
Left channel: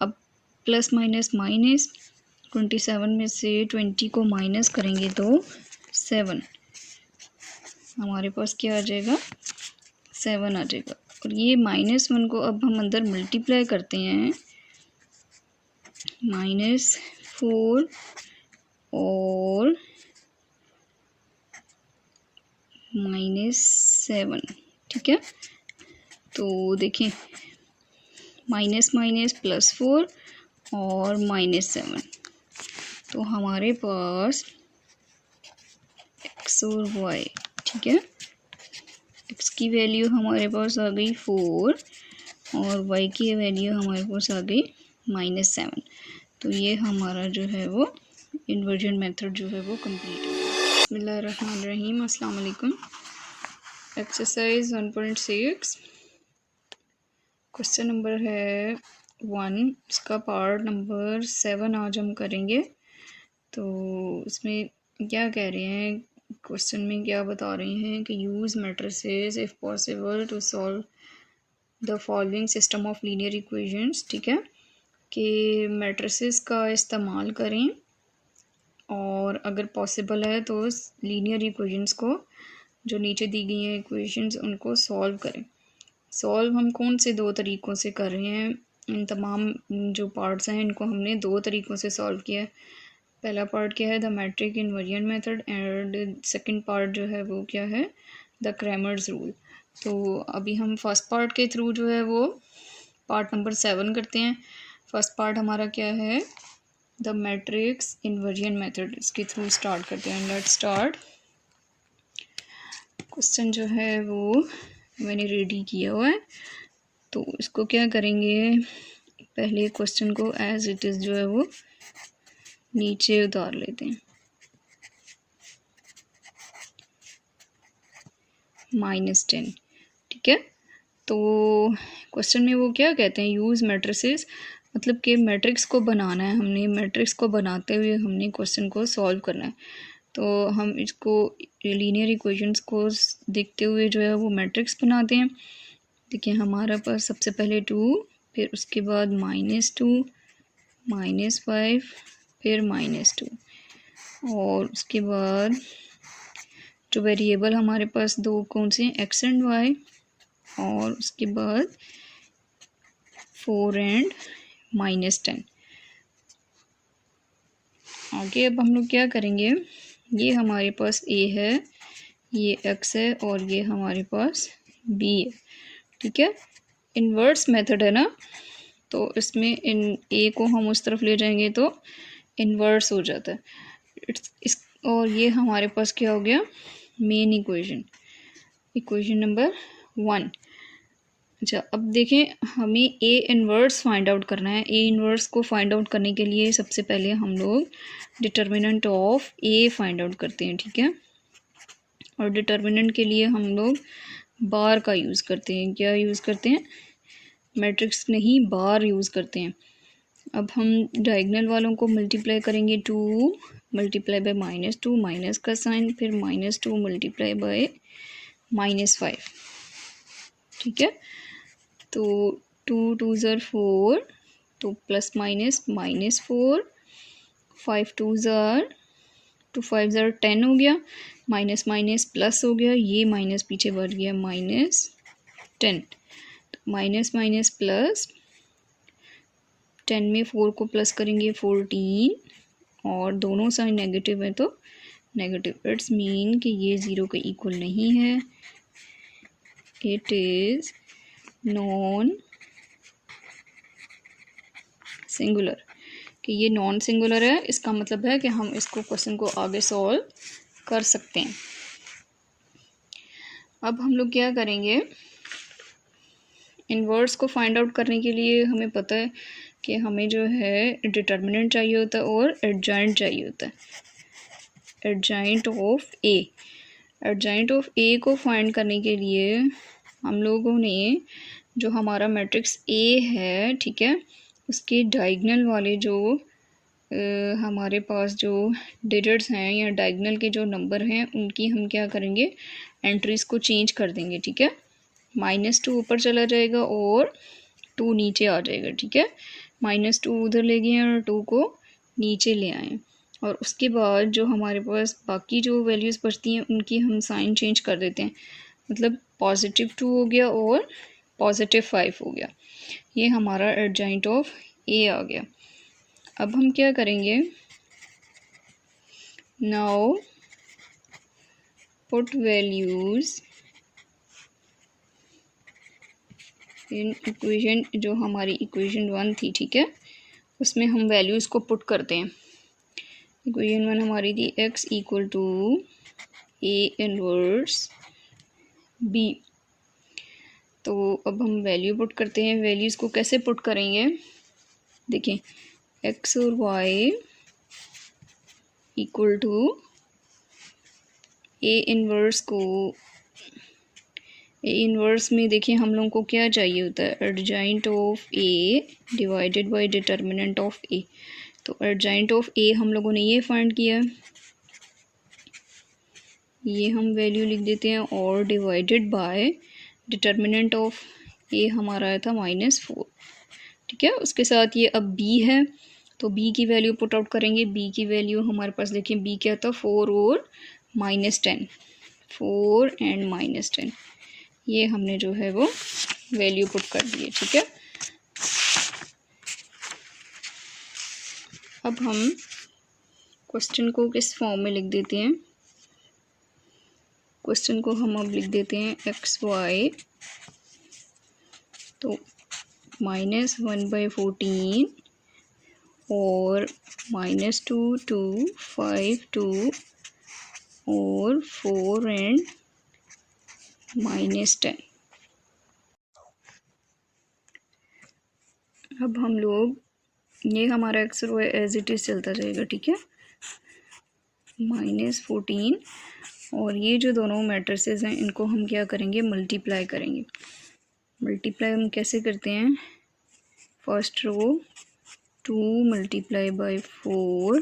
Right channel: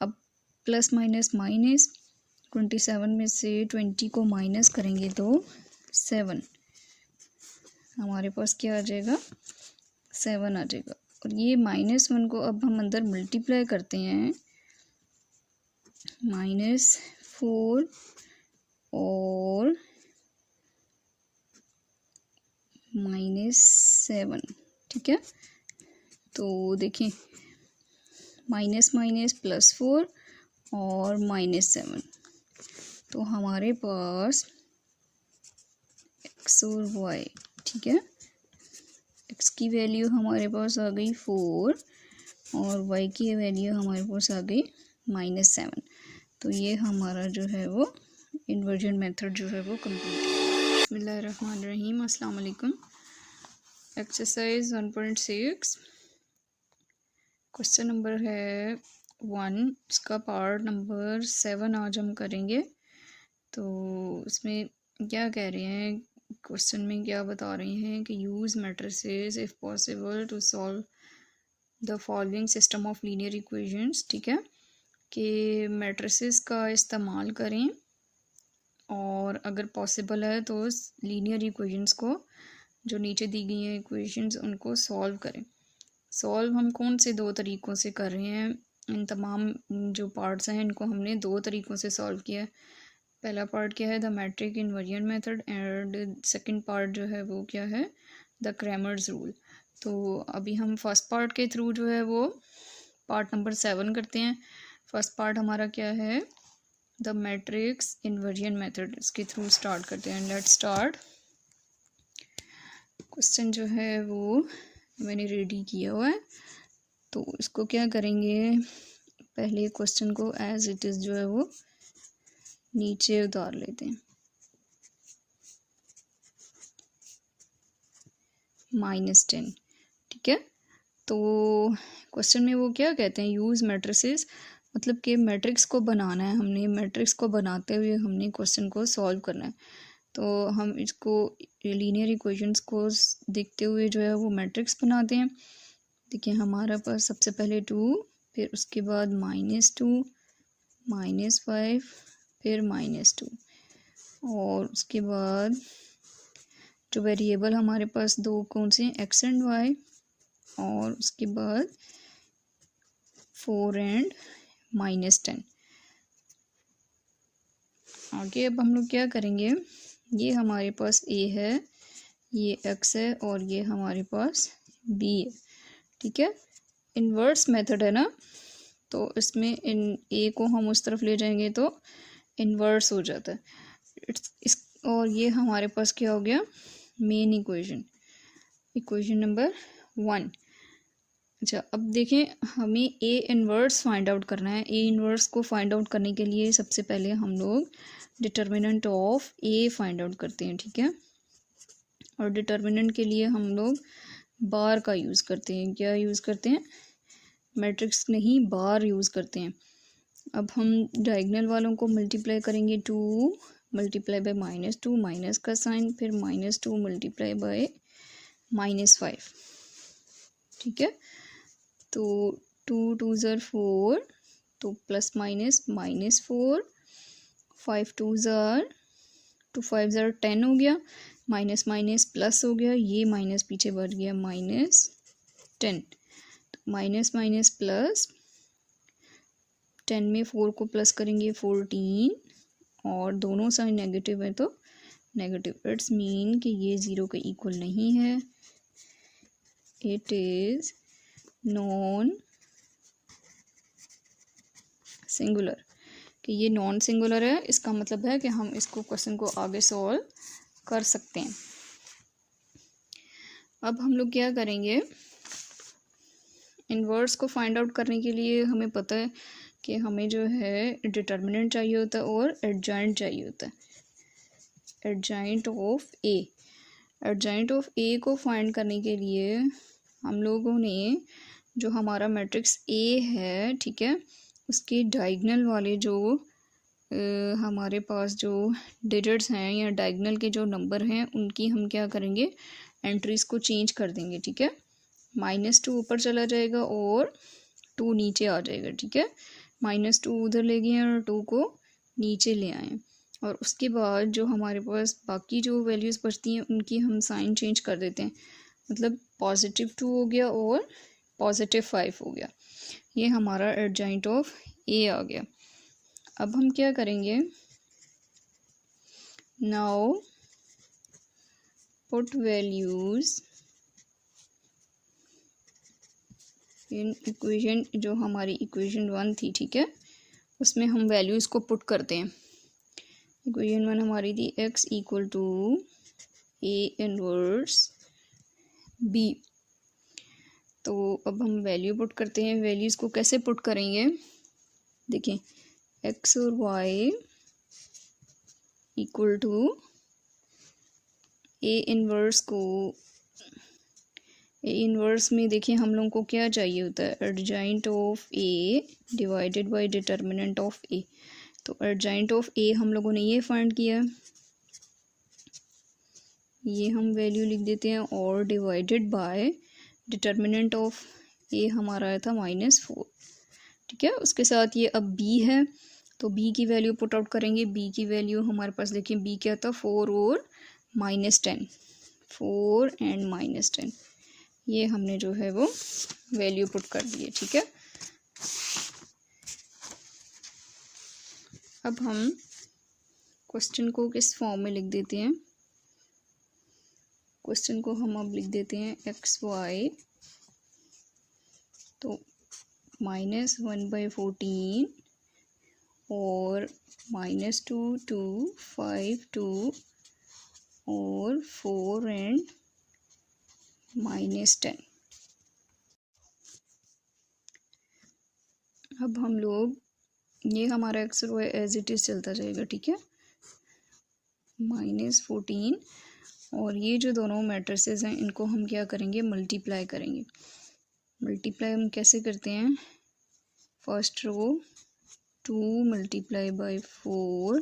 अब प्लस माइनस माइनस, 27 में से 20 को माइनस करेंगे तो 7, हमारे पास क्या आ जाएगा, 7 आ जाएगा। और ये -1 को अब हम अंदर मल्टीप्लाई करते हैं, -4 और -7, ठीक है। तो देखिए माइनस माइनस +4 और -7, तो हमारे पास x और y, ठीक है। x की वैल्यू हमारे पास आ गई 4 और y की वैल्यू हमारे पास आ गई -7। तो ये हमारा जो है वो इन्वर्जन मेथड जो है वो कंप्लीट है। बिस्मिल्लाहिर्रहमानिर्रहीम, अस्सलाम वालेकुम। एक्सरसाइज 1.6, क्वेश्चन नंबर है 1, इसका पार्ट नंबर 7 आज हम करेंगे। तो इसमें क्या कह रहे हैं, क्वेश्चन में क्या बता रहे हैं कि use matrices if possible to solve the following system of linear equations, ठीक है, कि मैट्रिसेस का इस्तेमाल करें और अगर पॉसिबल है तो लीनियर इक्वेशंस को, जो नीचे दी गई हैं इक्वेशंस, उनको सॉल्व करें। सॉल्व हम कौन से 2 तरीक़ों से कर रहे हैं, इन तमाम जो पार्ट्स हैं इनको हमने 2 तरीक़ों से सॉल्व किया है। पहला पार्ट क्या है, the matrix inversion method, and second part जो है वो क्या है, द क्रैमर्स रूल। तो अभी हम फर्स्ट पार्ट के थ्रू जो है वो पार्ट नंबर 7 करते हैं। फर्स्ट पार्ट हमारा क्या है, द मैट्रिक्स इन्वर्जन मेथड, इसके थ्रू स्टार्ट करते हैं। Let's start. क्वेश्चन जो है वो मैंने रेडी किया हुआ है, तो इसको क्या करेंगे, पहले क्वेश्चन को एज इट इज़ जो है वो नीचे उतार लेते हैं। -10, ठीक है। तो क्वेश्चन में वो क्या कहते हैं, यूज़ मैट्रिसेस, मतलब कि मैट्रिक्स को बनाना है हमने, मैट्रिक्स को बनाते हुए हमने क्वेश्चन को सॉल्व करना है। तो हम इसको लीनियर इक्वेशंस को देखते हुए जो है वो मैट्रिक्स बनाते हैं। देखिए हमारे पास सबसे पहले 2, फिर उसके बाद -2, -5, फिर -2, और उसके बाद जो वेरिएबल हमारे पास दो कौन से हैं, x एंड y, और उसके बाद 4 एंड -10। आगे अब हम लोग क्या करेंगे, ये हमारे पास a है, ये x है, और ये हमारे पास b है, ठीक है। इन्वर्स मेथड है ना, तो इसमें इन a को हम उस तरफ ले जाएंगे तो इन्वर्स हो जाता है। इस और ये हमारे पास क्या हो गया, मेन इक्वेशन नंबर 1। अच्छा, अब देखें हमें ए इन्वर्स फाइंड आउट करना है। ए इन्वर्स को फाइंड आउट करने के लिए सबसे पहले हम लोग determinant of A find out करते हैं, ठीक है। और डिटर्मिनेंट के लिए हम लोग बार का यूज़ करते हैं। क्या यूज़ करते हैं, मैट्रिक्स नहीं, बार यूज़ करते हैं। अब हम डायगोनल वालों को मल्टीप्लाई करेंगे, 2 मल्टीप्लाई बाय -2, माइनस का साइन, फिर -2 मल्टीप्लाई बाय -5, ठीक है। तो 2 2 ज़र 4, तो प्लस माइनस -4, 5 2 ज़र 2 5 ज़र 10 हो गया, माइनस माइनस प्लस हो गया, ये माइनस पीछे बढ़ गया, -10, तो माइनस माइनस प्लस, 10 में 4 को प्लस करेंगे 14, और दोनों साइन नेगेटिव है तो नेगेटिव। इट्स मीन कि ये 0 के इक्वल नहीं है, इट इज़ नॉन सिंगुलर, कि ये नॉन सिंगुलर है। इसका मतलब है कि हम इसको क्वेश्चन को आगे सॉल्व कर सकते हैं। अब हम लोग क्या करेंगे, इन्वर्स को फाइंड आउट करने के लिए हमें पता है कि हमें जो है डिटर्मिनेंट चाहिए होता है और एडजॉइंट चाहिए होता है, adjoint of A. Adjoint of A को फाइंड करने के लिए हम लोगों ने जो हमारा मैट्रिक्स ए है, ठीक है, उसके डायगोनल वाले जो हमारे पास जो डिजिट्स हैं या डायगोनल के जो नंबर हैं उनकी हम क्या करेंगे, एंट्रीज को चेंज कर देंगे, ठीक है। -2 ऊपर चला जाएगा और 2 नीचे आ जाएगा, ठीक है। -2 उधर ले गए और 2 को नीचे ले आए, और उसके बाद जो हमारे पास बाकी जो वैल्यूज़ बचती हैं उनकी हम साइन चेंज कर देते हैं, मतलब +2 हो गया और +5 हो गया। ये हमारा एडजॉइंट ऑफ ए आ गया। अब हम क्या करेंगे, now put values in equation, जो हमारी इक्वेशन 1 थी, ठीक है, उसमें हम वैल्यूज़ को पुट करते हैं। इक्वेशन 1 हमारी थी x = a इनवर्स b। तो अब हम वैल्यू पुट करते हैं। वैल्यूज़ को कैसे पुट करेंगे, देखिए x और y = a इनवर्स को, ए इनवर्स में देखिए हम लोगों को क्या चाहिए होता है, adjoint of A divided by determinant of A. तो एडजॉइंट ऑफ ए हम लोगों ने ये फाइंड किया, ये हम वैल्यू लिख देते हैं, और डिवाइडेड बाय डिटर्मिनेंट ऑफ ए हमारा आया था -4, ठीक है। उसके साथ ये अब b है, तो b की वैल्यू पुट आउट करेंगे। b की वैल्यू हमारे पास देखिए b क्या था, 4 और -10, 4 एंड -10, ये हमने जो है वो वैल्यू पुट कर दी है, ठीक है। अब हम क्वेश्चन को किस फॉर्म में लिख देते हैं, क्वेश्चन को हम अब लिख देते हैं xy, तो -1/14 और -2 to 5 2 और 4 एंड -10। अब हम लोग ये हमारा एक्स और वाई एज इट इज़ चलता जाएगा, ठीक है, -14 और ये जो दोनों मैट्रिसेस हैं इनको हम क्या करेंगे, मल्टीप्लाई करेंगे। मल्टीप्लाई हम कैसे करते हैं, first row 2 multiply by 4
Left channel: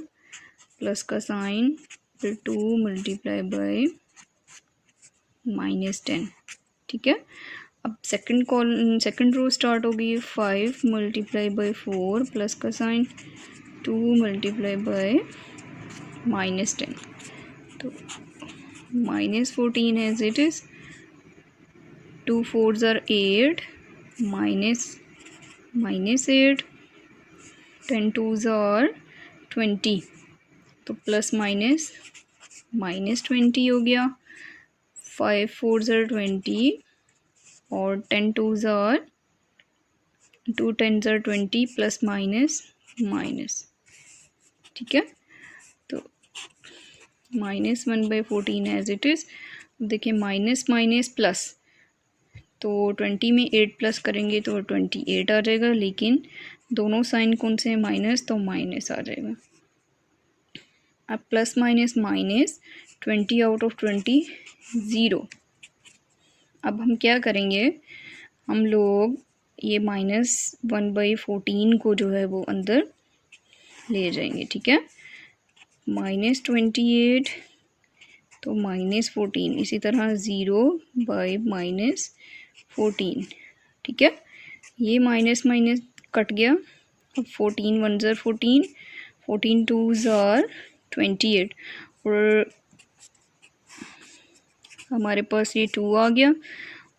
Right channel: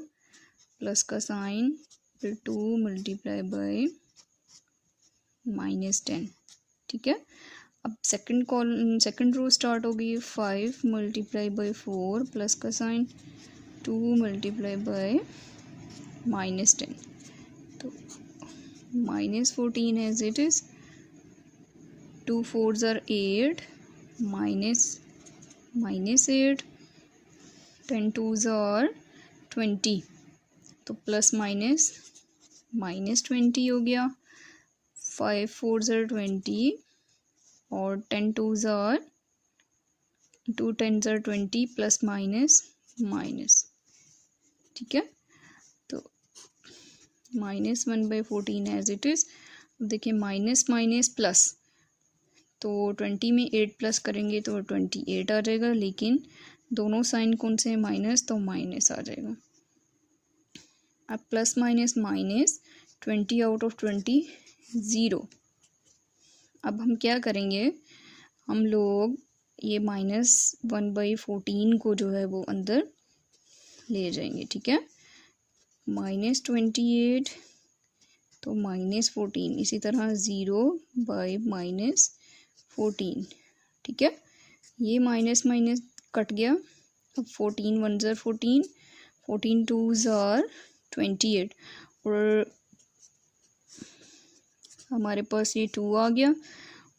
plus का साइन, फिर 2 मल्टीप्लाई बाई -10, ठीक है। अब सेकंड रो स्टार्ट होगी, 5 मल्टीप्लाई बाई 4 प्लस का साइन, 2 मल्टीप्लाई बाई -10, तो -14 as it is, 2 4s are 8, -8, 10 2s are 20, तो प्लस माइनस -20 हो गया, 5 4s are 20 और 10 2s are 2 10s are 20 plus minus, ठीक है। तो -1/14 एज इट इज़। देखिए माइनस माइनस प्लस, तो 20 में 8 प्लस करेंगे तो 28 आ जाएगा, लेकिन दोनों साइन कौन से हैं, माइनस, तो माइनस आ जाएगा। अब plus minus minus, 20 out of 20 zero. अब हम क्या करेंगे, हम लोग ये -1/14 को जो है वो अंदर ले जाएंगे, ठीक है, -28 तो -14, इसी तरह 0/-14, ठीक है। ये माइनस माइनस कट गया, अब 14 1s are 14, 14 2s are 28 और हमारे पास ये 2 आ गया,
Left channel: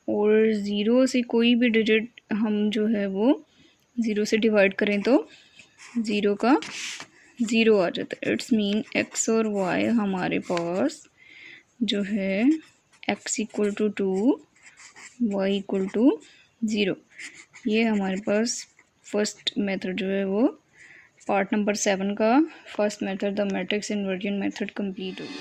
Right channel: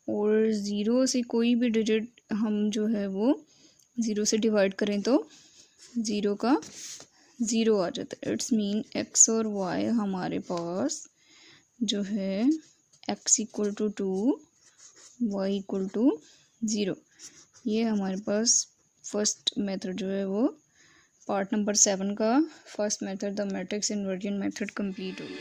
और ज़ीरो से कोई भी डिजिट हम जो है वो 0 से डिवाइड करें तो 0 का 0 आ जाता है। इट्स मीन x और y हमारे पास जो है x = 2, y = 0। ये हमारे पास फर्स्ट मेथड जो है वो पार्ट नंबर 7 का first method the matrix inversion method complete हो गया।